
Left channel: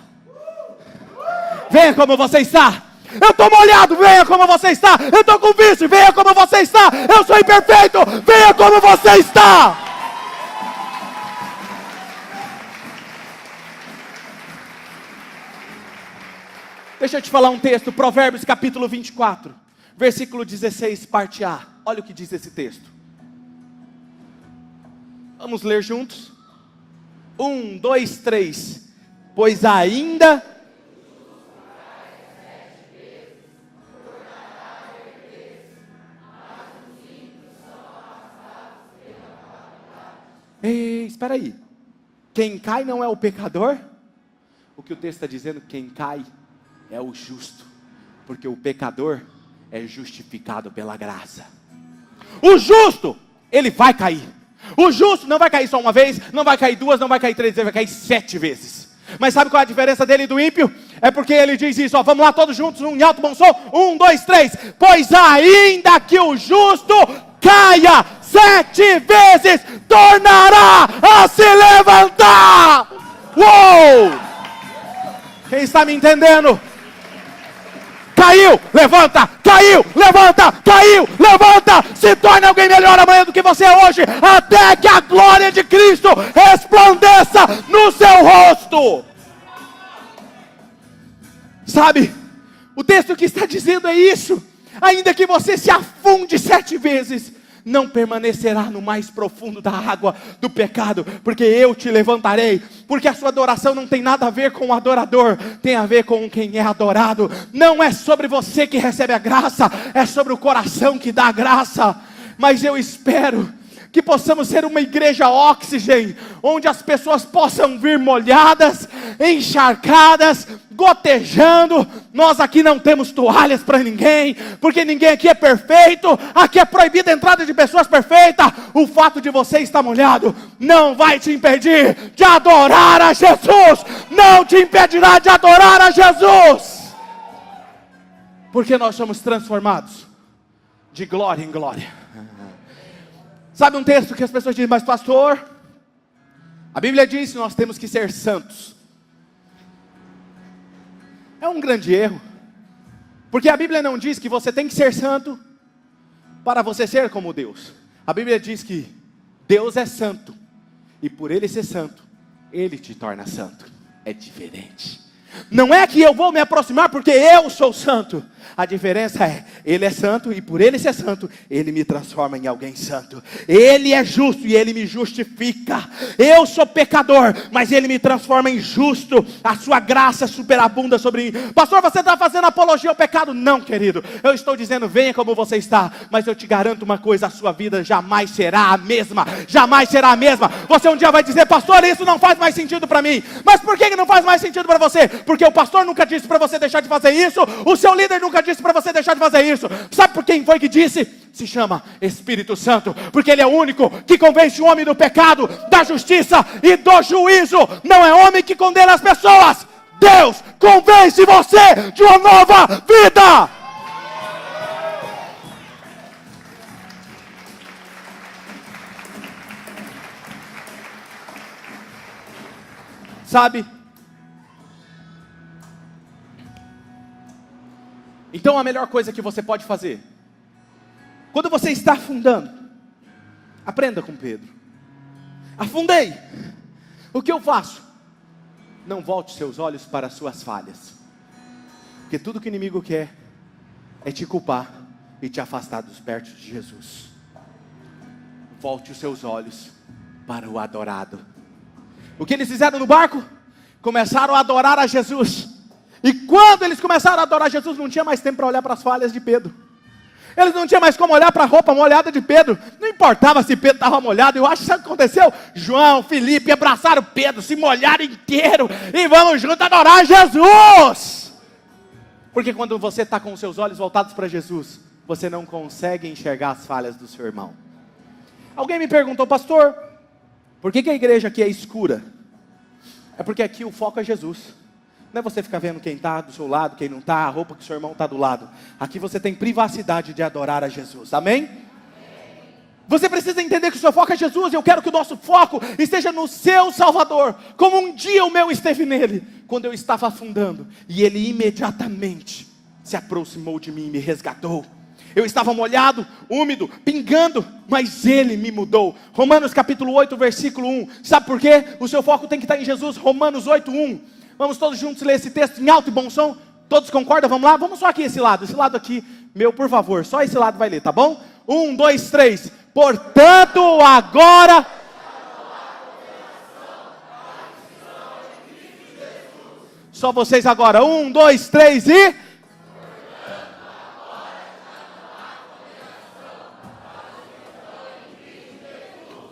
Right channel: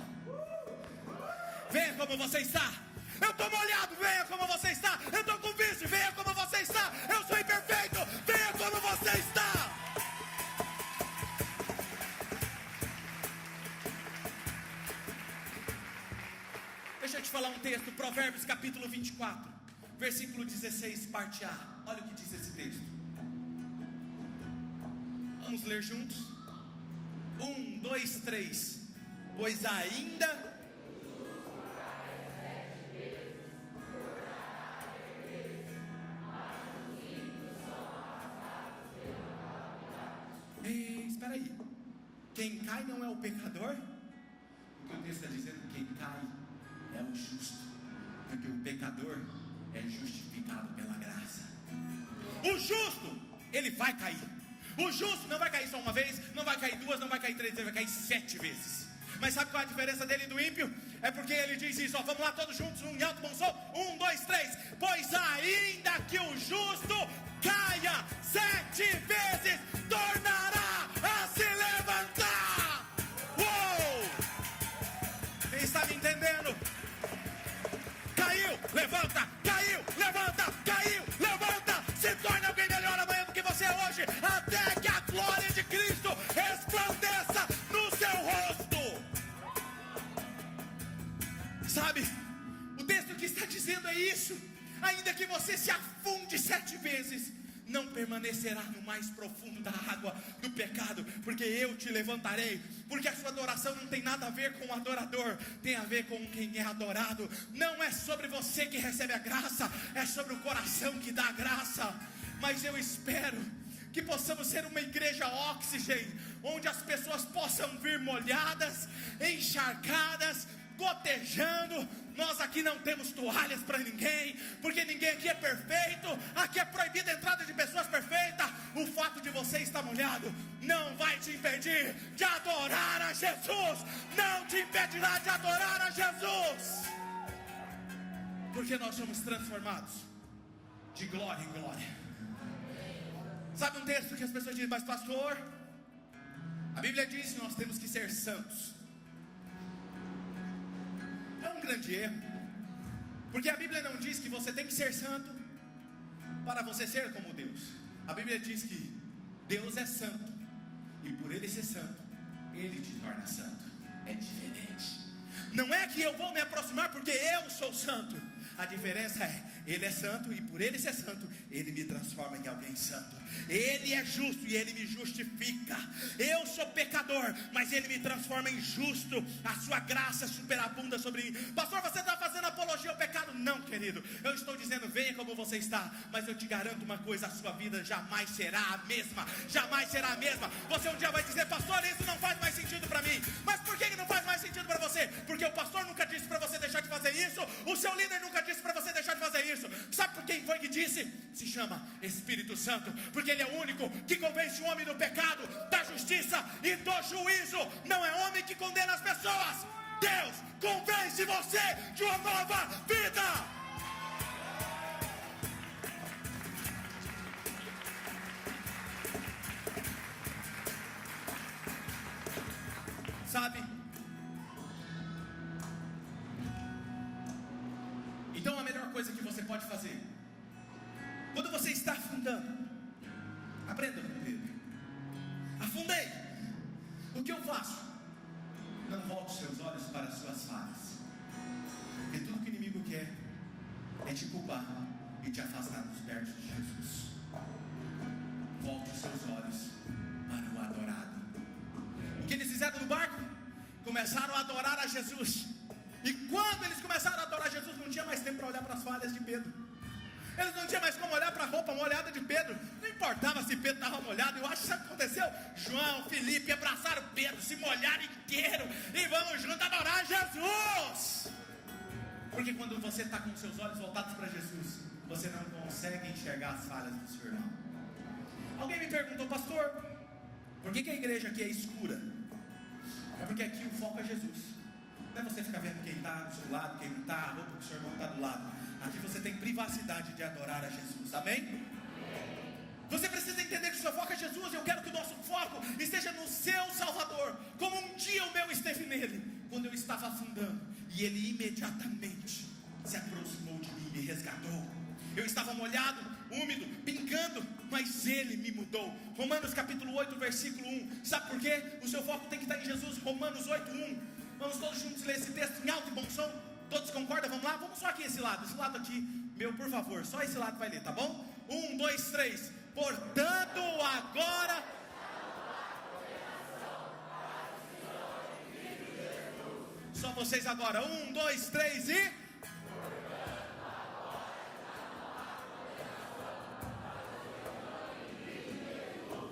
Venha como você está. Eu estou molhado, venha como você está. Eu estou com vício, venha como você está. Eu sou imperfeito, venha como você está. Deixa eu te falar um texto, Provérbios capítulo 24, versículo 16, parte A. Olha o que diz esse texto. Vamos ler juntos? 1, 2, 3. Pois ainda... Ei, espera aí. Quem cai não é o pecador? O que o texto está dizendo, quem cai é o justo. Porque o pecador é justificado pela graça. O justo, ele vai cair. O justo não vai cair só uma vez, não vai cair duas, não vai cair três, ele vai cair 7 vezes. Mas sabe qual é a diferença dele e do ímpio? É porque ele diz isso, ó, vamos lá todos juntos, em alto bom som, 1, 2, 3. Pois ainda que o justo caia 7 vezes, tornará a se levantar. Uou! Quem está me entendendo? Caiu, levanta, caiu, levanta, caiu, levanta. Se torne alguém melhor amanhã do que você é hoje, até que a glória de Cristo resplandeça no seu rosto. Sabe, o texto que está dizendo é isso. Ainda que você se afunde 7 vezes, não permanecerá no mais profundo da água do pecado, porque eu te levantarei. Porque a sua adoração não tem nada a ver com o adorador, tem a ver com quem é adorado. Não é sobre você que recebe a graça, é sobre o coração que dá a graça. Mas eu espero que possamos ser uma igreja oxigênio, onde as pessoas possam vir molhadas, encharcadas, gotejando. Nós aqui não temos toalhas para ninguém, porque ninguém aqui é perfeito. Aqui é proibida a entrada de pessoas perfeitas. O fato de você estar molhado não vai te impedir de adorar a Jesus. Não te impedirá de adorar a Jesus, porque nós somos transformados de glória em glória. Sabe um texto que as pessoas dizem: mas pastor, a Bíblia diz que nós temos que ser santos. É um grande erro, porque a Bíblia não diz que você tem que ser santo para você ser como Deus. A Bíblia diz que Deus é santo, e por Ele ser santo, Ele te torna santo. É diferente. Não é que eu vou me aproximar porque eu sou santo. A diferença é, Ele é santo, e por Ele ser santo, Ele me transforma em alguém santo. Ele é justo e Ele me justifica. Eu sou pecador, mas Ele me transforma em justo. A sua graça superabunda sobre mim. Pastor, você está fazendo apologia ao pecado? Não, querido, eu estou dizendo, venha como você está. Mas eu te garanto uma coisa, a sua vida jamais será a mesma. Jamais será a mesma. Você um dia vai dizer: pastor, isso não faz mais sentido para mim. Mas por que não faz mais sentido para você? Porque o pastor nunca disse para você deixar de fazer isso. O seu líder nunca disse para você deixar de fazer isso. Sabe por quem foi que disse? Se chama Espírito Santo, porque Ele é o único que convence o homem do pecado, da justiça e do juízo. Não é homem que condena as pessoas. Deus convence você de uma nova vida. Sabe? Então a melhor coisa que você pode fazer, quando você está afundando, aprenda com Pedro. Afundei. O que eu faço? Não volte seus olhos para as suas falhas, porque tudo que o inimigo quer é te culpar e te afastar dos perto de Jesus. Volte os seus olhos para o adorado. O que eles fizeram no barco? Começaram a adorar a Jesus. E quando eles começaram a adorar Jesus, não tinha mais tempo para olhar para as falhas de Pedro. Eles não tinham mais como olhar para a roupa molhada de Pedro. Não importava se Pedro estava molhado. Eu acho que isso aconteceu. João, Felipe abraçaram Pedro, se molharam inteiro e vamos juntos adorar Jesus. Porque quando você está com os seus olhos voltados para Jesus, você não consegue enxergar as falhas do seu irmão. Alguém me perguntou, pastor, por que a igreja aqui é escura? É porque aqui o foco é Jesus. Não é você ficar vendo quem está do seu lado, quem não está, a roupa que o seu irmão está do lado. Aqui você tem privacidade de adorar a Jesus, amém? Você precisa entender que o seu foco é Jesus. Eu quero que o nosso foco esteja no seu Salvador, como um dia o meu esteve nele, quando eu estava afundando, e ele imediatamente se aproximou de mim e me resgatou. Eu estava molhado, úmido, pingando, mas ele me mudou. Romanos capítulo 8, versículo 1. Sabe por quê? O seu foco tem que estar em Jesus. Romanos 8, 1. Vamos todos juntos ler esse texto em alto e bom som? Todos concordam? Vamos lá? Vamos só aqui esse lado aqui, meu, por favor, só esse lado vai ler, tá bom? 1, 2, 3. Portanto, agora... Só vocês agora. 1, 2, 3 e...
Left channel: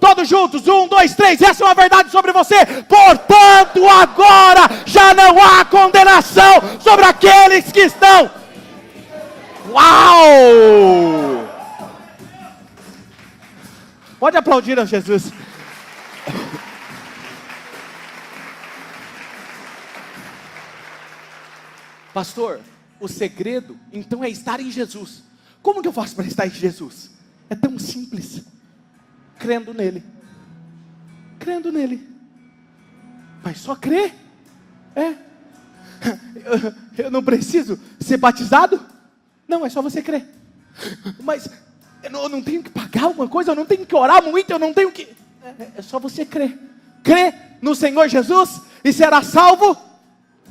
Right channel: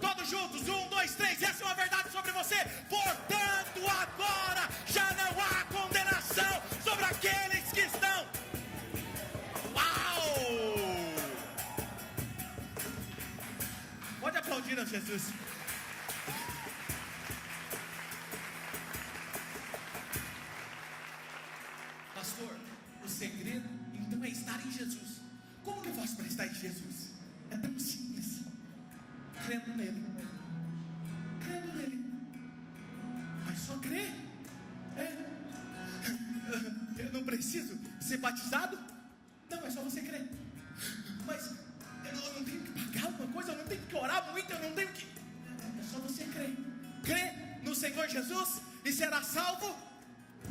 Todos juntos, 1, 2, 3, essa é uma verdade sobre você. Portanto, agora já não há condenação sobre aqueles que estão. Uau! Pode aplaudir a Jesus. Pastor, o segredo então é estar em Jesus. Como que eu faço para estar em Jesus? É tão simples. Crendo nele. Crendo nele. Mas só crer? Eu não preciso ser batizado? Não, é só você crer. Mas eu não tenho que pagar alguma coisa, eu não tenho que orar muito, eu não tenho que... É só você crer. Crê no Senhor Jesus e será salvo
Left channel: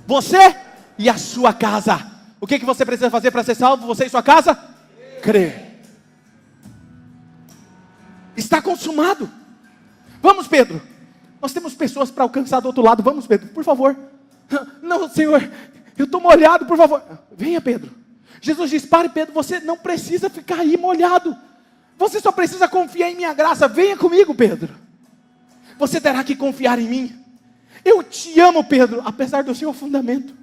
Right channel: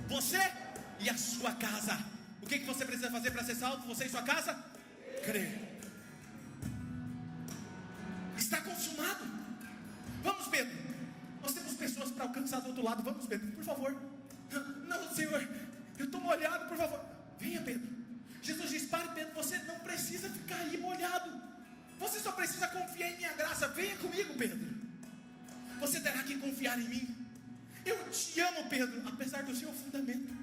você e a sua casa. O que você precisa fazer para ser salvo, você e sua casa? Crer. Está consumado. Vamos, Pedro. Nós temos pessoas para alcançar do outro lado. Vamos, Pedro, por favor. Não, Senhor, eu estou molhado, por favor. Venha, Pedro. Jesus diz, pare, Pedro, você não precisa ficar aí molhado. Você só precisa confiar em minha graça. Venha comigo, Pedro. Você terá que confiar em mim. Eu te amo, Pedro, apesar do seu afundamento.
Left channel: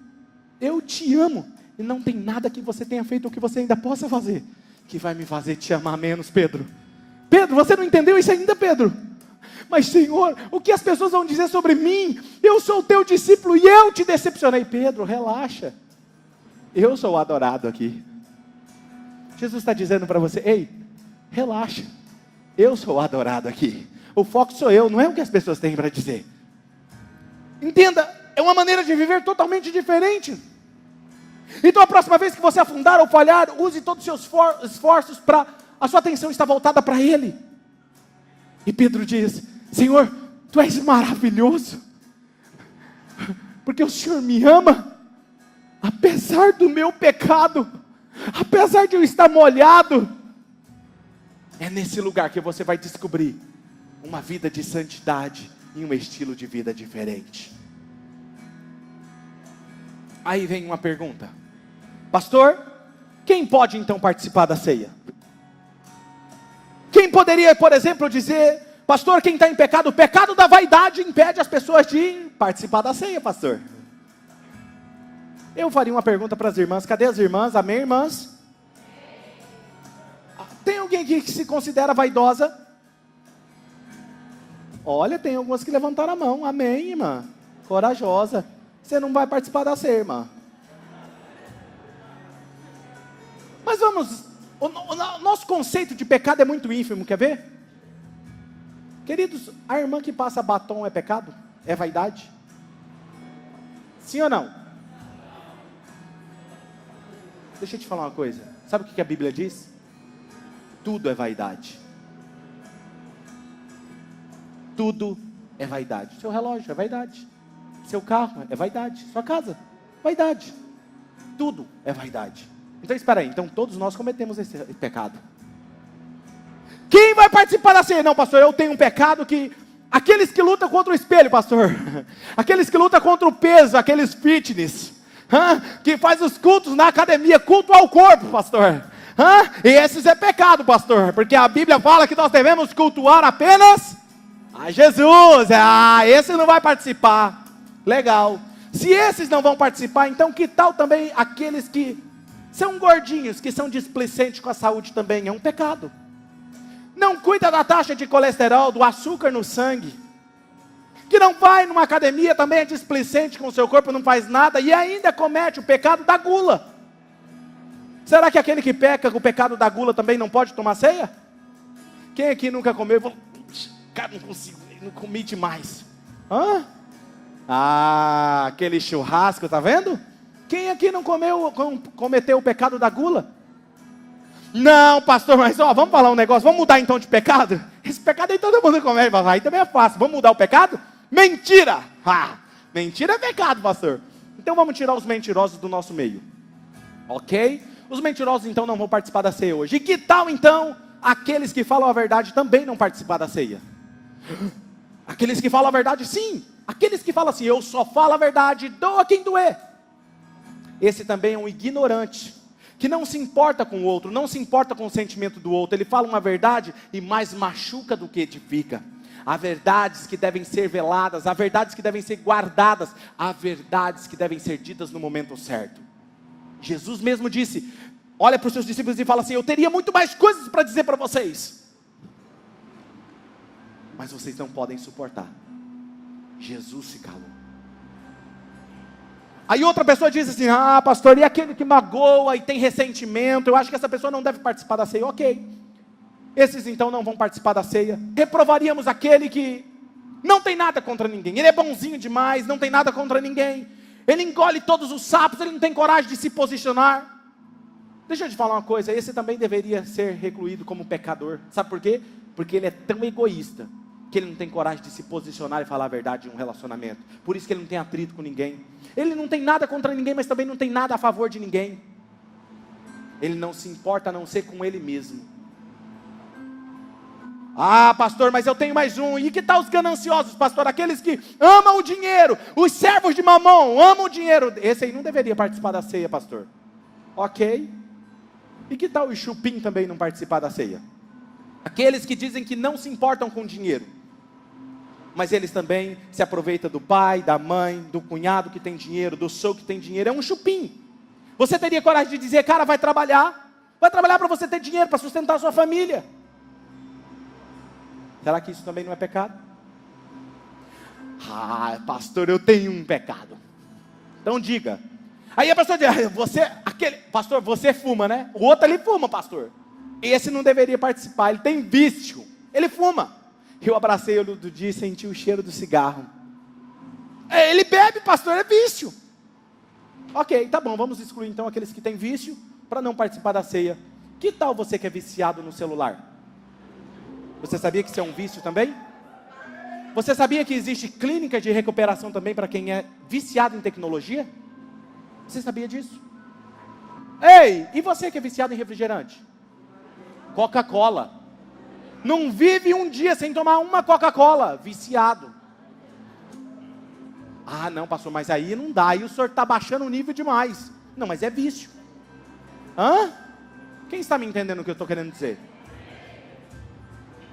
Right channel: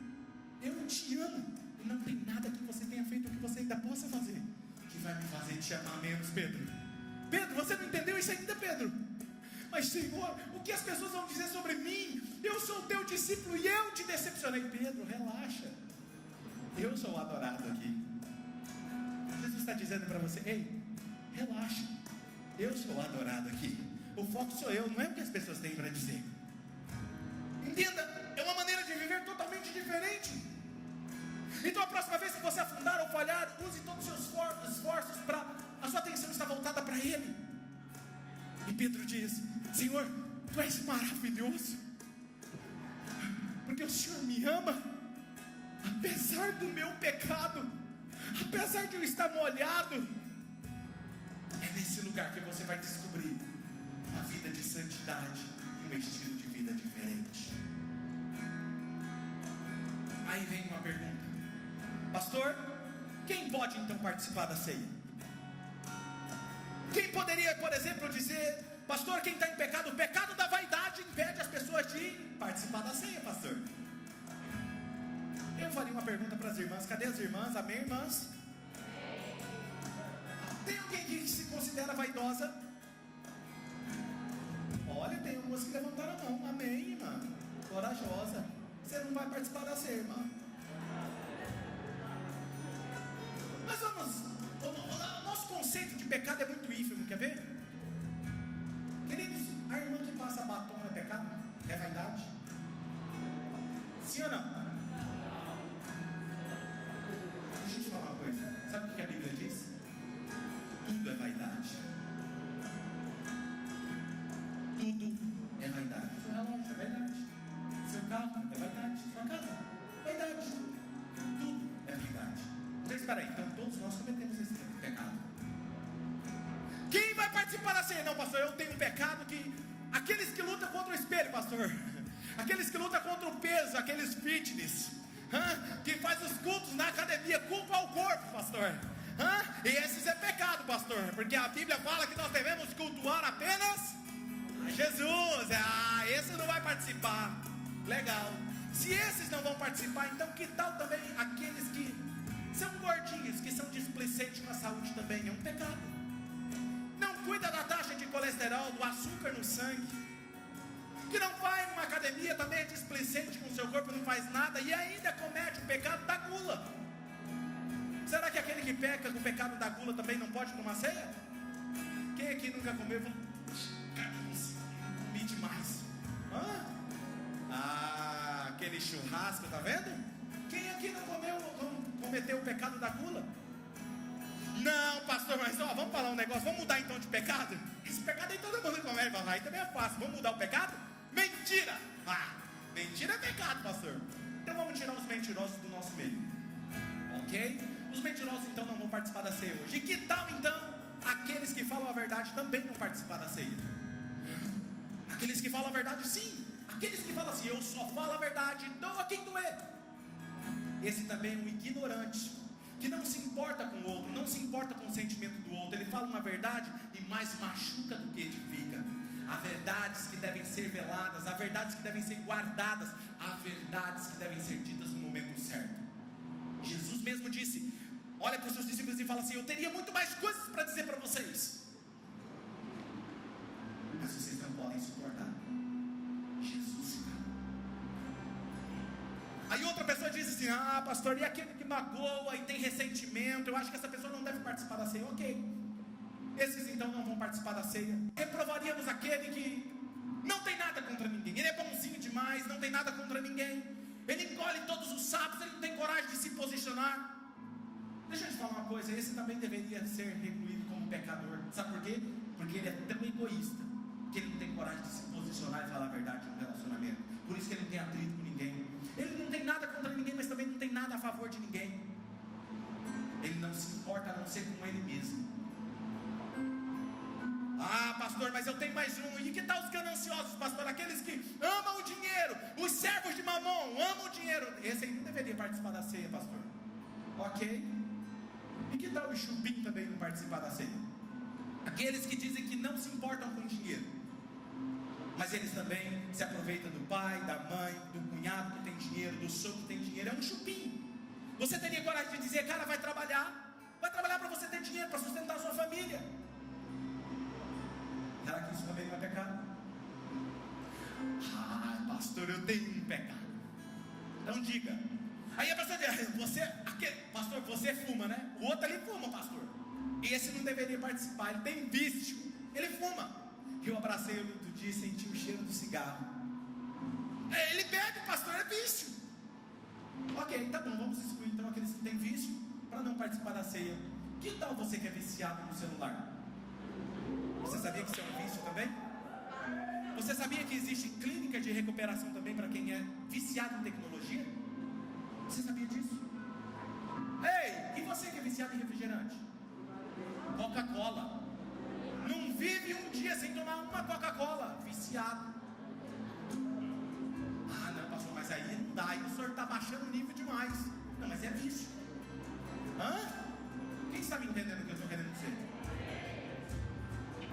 Eu te amo. E não tem nada que você tenha feito ou que você ainda possa fazer que vai me fazer te amar menos, Pedro. Pedro, você não entendeu isso ainda, Pedro? Mas Senhor, o que as pessoas vão dizer sobre mim? Eu sou o teu discípulo e eu te decepcionei. Pedro, relaxa. Eu sou o adorado aqui. Jesus está dizendo para você, ei, relaxa. Eu sou o adorado aqui. O foco sou eu, não é o que as pessoas têm para dizer. Entenda, é uma maneira de viver totalmente diferente. Então a próxima vez que você afundar ou falhar, use todos os seus esforços para... A sua atenção está voltada para Ele. E Pedro diz, Senhor, Tu és maravilhoso, porque o Senhor me ama, apesar do meu pecado, apesar de eu estar molhado. É nesse lugar que você vai descobrir uma vida de santidade e um estilo de vida diferente. Aí vem uma pergunta, pastor, quem pode então participar da ceia? Quem poderia, por exemplo, dizer, pastor, quem está em pecado, o pecado da vaidade impede as pessoas de participar da ceia, pastor? Eu faria uma pergunta para as irmãs, cadê as irmãs? Amém, irmãs? Tem alguém aqui que se considera vaidosa? Olha, tem algumas que levantaram a mão, amém, irmã, corajosa. Você não vai participar da ceia, irmã. Mas vamos... O nosso conceito de pecado é muito ínfimo, quer ver? Queridos, a irmã que passa batom é pecado? É vaidade? Sim ou não? Deixa eu te falar uma coisa. Sabe o que a Bíblia diz? Tudo é vaidade. tudo é vaidade. Seu relógio é vaidade, seu carro é vaidade, sua casa, vaidade, tudo é vaidade. Então espera aí, então todos nós cometemos esse pecado. Quem vai participar da ceia? Não, pastor, eu tenho um pecado que... Aqueles que lutam contra o espelho, pastor. Aqueles que lutam contra o peso, aqueles fitness. Que faz os cultos na academia, culto ao corpo, pastor. E esses é pecado, pastor. Porque a Bíblia fala que nós devemos cultuar apenas a Jesus. Esse não vai participar. Legal. Se esses não vão participar, então que tal também aqueles que são gordinhos, que são displicentes com a saúde também? É um pecado. Não cuida da taxa de colesterol, do açúcar no sangue, que não vai numa academia, também é displicente com o seu corpo, não faz nada, e ainda comete o pecado da gula. Será que aquele que peca com o pecado da gula também não pode tomar ceia? Quem aqui nunca comeu? Cara, não consigo, não comi demais. Aquele churrasco, tá vendo? Quem aqui não cometeu o pecado da gula? Não, pastor, mas vamos falar um negócio, vamos mudar então de pecado? Esse pecado aí todo mundo comete, aí também é fácil, vamos mudar o pecado? Mentira! Mentira é pecado, pastor. Então vamos tirar os mentirosos do nosso meio, ok? Os mentirosos então não vão participar da ceia hoje. E que tal então aqueles que falam a verdade também não participar da ceia? Aqueles que falam a verdade, sim. Aqueles que falam assim, eu só falo a verdade, doa quem doer. Esse também é um ignorante, que não se importa com o outro, não se importa com o sentimento do outro. Ele fala uma verdade e mais machuca do que edifica. Há verdades que devem ser veladas, há verdades que devem ser guardadas, há verdades que devem ser ditas no momento certo. Jesus mesmo disse, olha para os seus discípulos e fala assim, eu teria muito mais coisas para dizer para vocês, mas vocês não podem suportar. Jesus se calou. Aí outra pessoa diz assim, pastor, e aquele que magoa e tem ressentimento, eu acho que essa pessoa não deve participar da ceia. Ok, esses então não vão participar da ceia. Reprovaríamos aquele que não tem nada contra ninguém, ele é bonzinho demais, não tem nada contra ninguém, ele engole todos os sapos, ele não tem coragem de se posicionar. Deixa eu te falar uma coisa, esse também deveria ser recluído como pecador. Sabe por quê? Porque ele é tão egoísta, que ele não tem coragem de se posicionar e falar a verdade em um relacionamento. Por isso que ele não tem atrito com ninguém. Ele não tem nada contra ninguém, mas também não tem nada a favor de ninguém. Ele não se importa a não ser com ele mesmo. Pastor, mas eu tenho mais um. E que tal os gananciosos, pastor? Aqueles que amam o dinheiro, os servos de mamão, amam o dinheiro. Esse aí não deveria participar da ceia, pastor. Ok. E que tal o chupim também não participar da ceia? Aqueles que dizem que não se importam com o dinheiro, mas eles também se aproveitam do pai, da mãe, do cunhado que tem dinheiro, do sogro que tem dinheiro. É um chupim. Você teria coragem de dizer, cara, vai trabalhar para você ter dinheiro, para sustentar a sua família. Será que isso também não é pecado? Pastor, eu tenho um pecado. Então diga. Aí a pessoa diz, pastor, você fuma, né? O outro ali fuma, pastor. Esse não deveria participar, ele tem vício, ele fuma. Eu abracei ele do dia e senti o cheiro do cigarro. Ele bebe, pastor, é vício. Ok, tá bom, vamos excluir então aqueles que têm vício, para não participar da ceia. Que tal você que é viciado no celular? Você sabia que isso é um vício também? Você sabia que existe clínica de recuperação também para quem é viciado em tecnologia? Você sabia disso? Ei, e você que é viciado em refrigerante? Coca-Cola. Não vive um dia sem tomar uma Coca-Cola, viciado. Não, pastor, mas aí não dá, aí o senhor está baixando o nível demais. Não, mas é vício. Quem está me entendendo o que eu estou querendo dizer?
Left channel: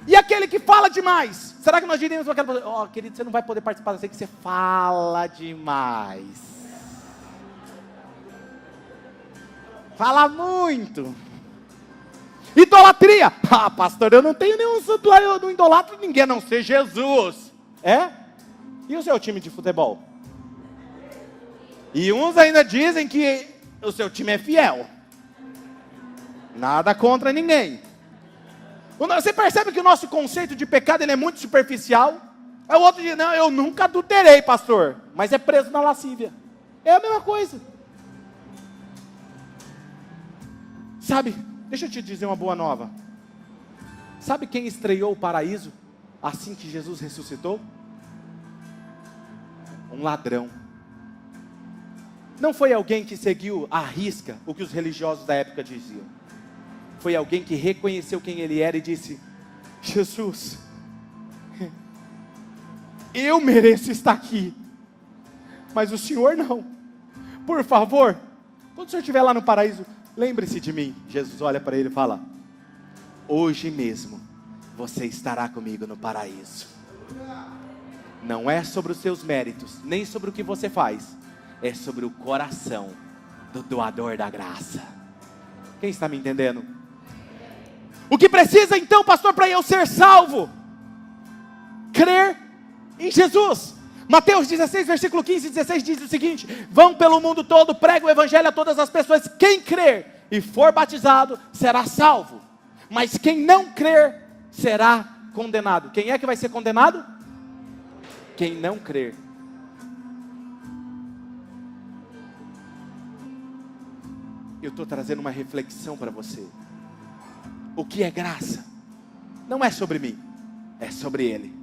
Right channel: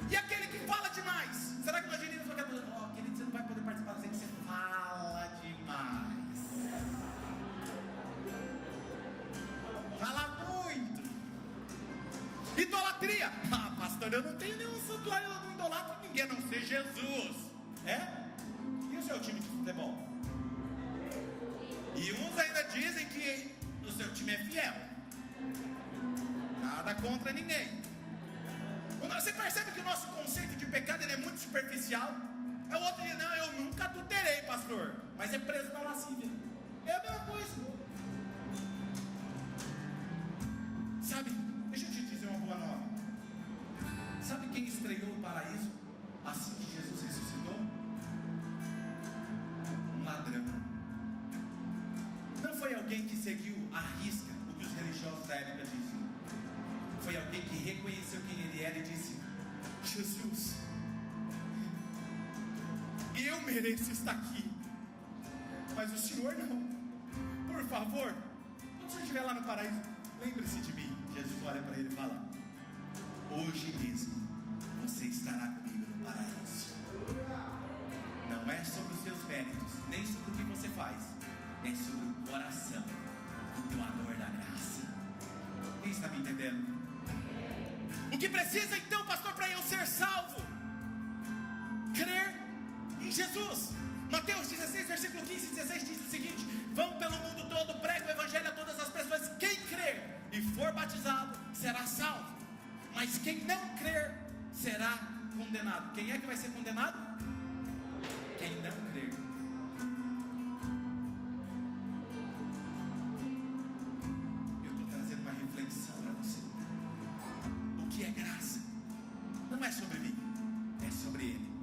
E aquele que fala demais, será que nós diríamos para aquela pessoa, querido, você não vai poder participar da ceia, que você fala demais. Fala muito. Idolatria. Pastor, eu não tenho nenhum santuário, eu não idolatro ninguém, a não ser Jesus. E o seu time de futebol? E uns ainda dizem que o seu time é fiel. Nada contra ninguém. Você percebe que o nosso conceito de pecado ele é muito superficial? Aí o outro diz, não, eu nunca adulterei, pastor, mas é preso na lascívia. É a mesma coisa. Sabe, deixa eu te dizer uma boa nova. Sabe quem estreou o paraíso? assim que Jesus ressuscitou? Um ladrão. Não foi alguém que seguiu à risca o que os religiosos da época diziam. Foi alguém que reconheceu quem ele era e disse: Jesus, eu mereço estar aqui, mas o Senhor não. Por favor, quando o Senhor estiver lá no paraíso, lembre-se de mim. Jesus olha para ele e fala: hoje mesmo você estará comigo no paraíso. Não é sobre os seus méritos, nem sobre o que você faz, é sobre o coração do doador da graça. Quem está me entendendo? O que precisa então, pastor, para eu ser salvo? Crer em Jesus. Mateus 16, versículo 15 e 16 diz o seguinte: vão pelo mundo todo, pregam o evangelho a todas as pessoas. Quem crer e for batizado será salvo, mas quem não crer será condenado. Quem é que vai ser condenado? Quem não crer. Eu estou trazendo uma reflexão para você. O que é graça? Não é sobre mim, é sobre Ele.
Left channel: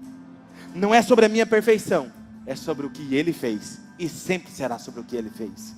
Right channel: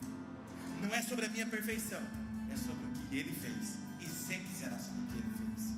Não é sobre a minha perfeição, é sobre o que Ele fez, e sempre será sobre o que Ele fez.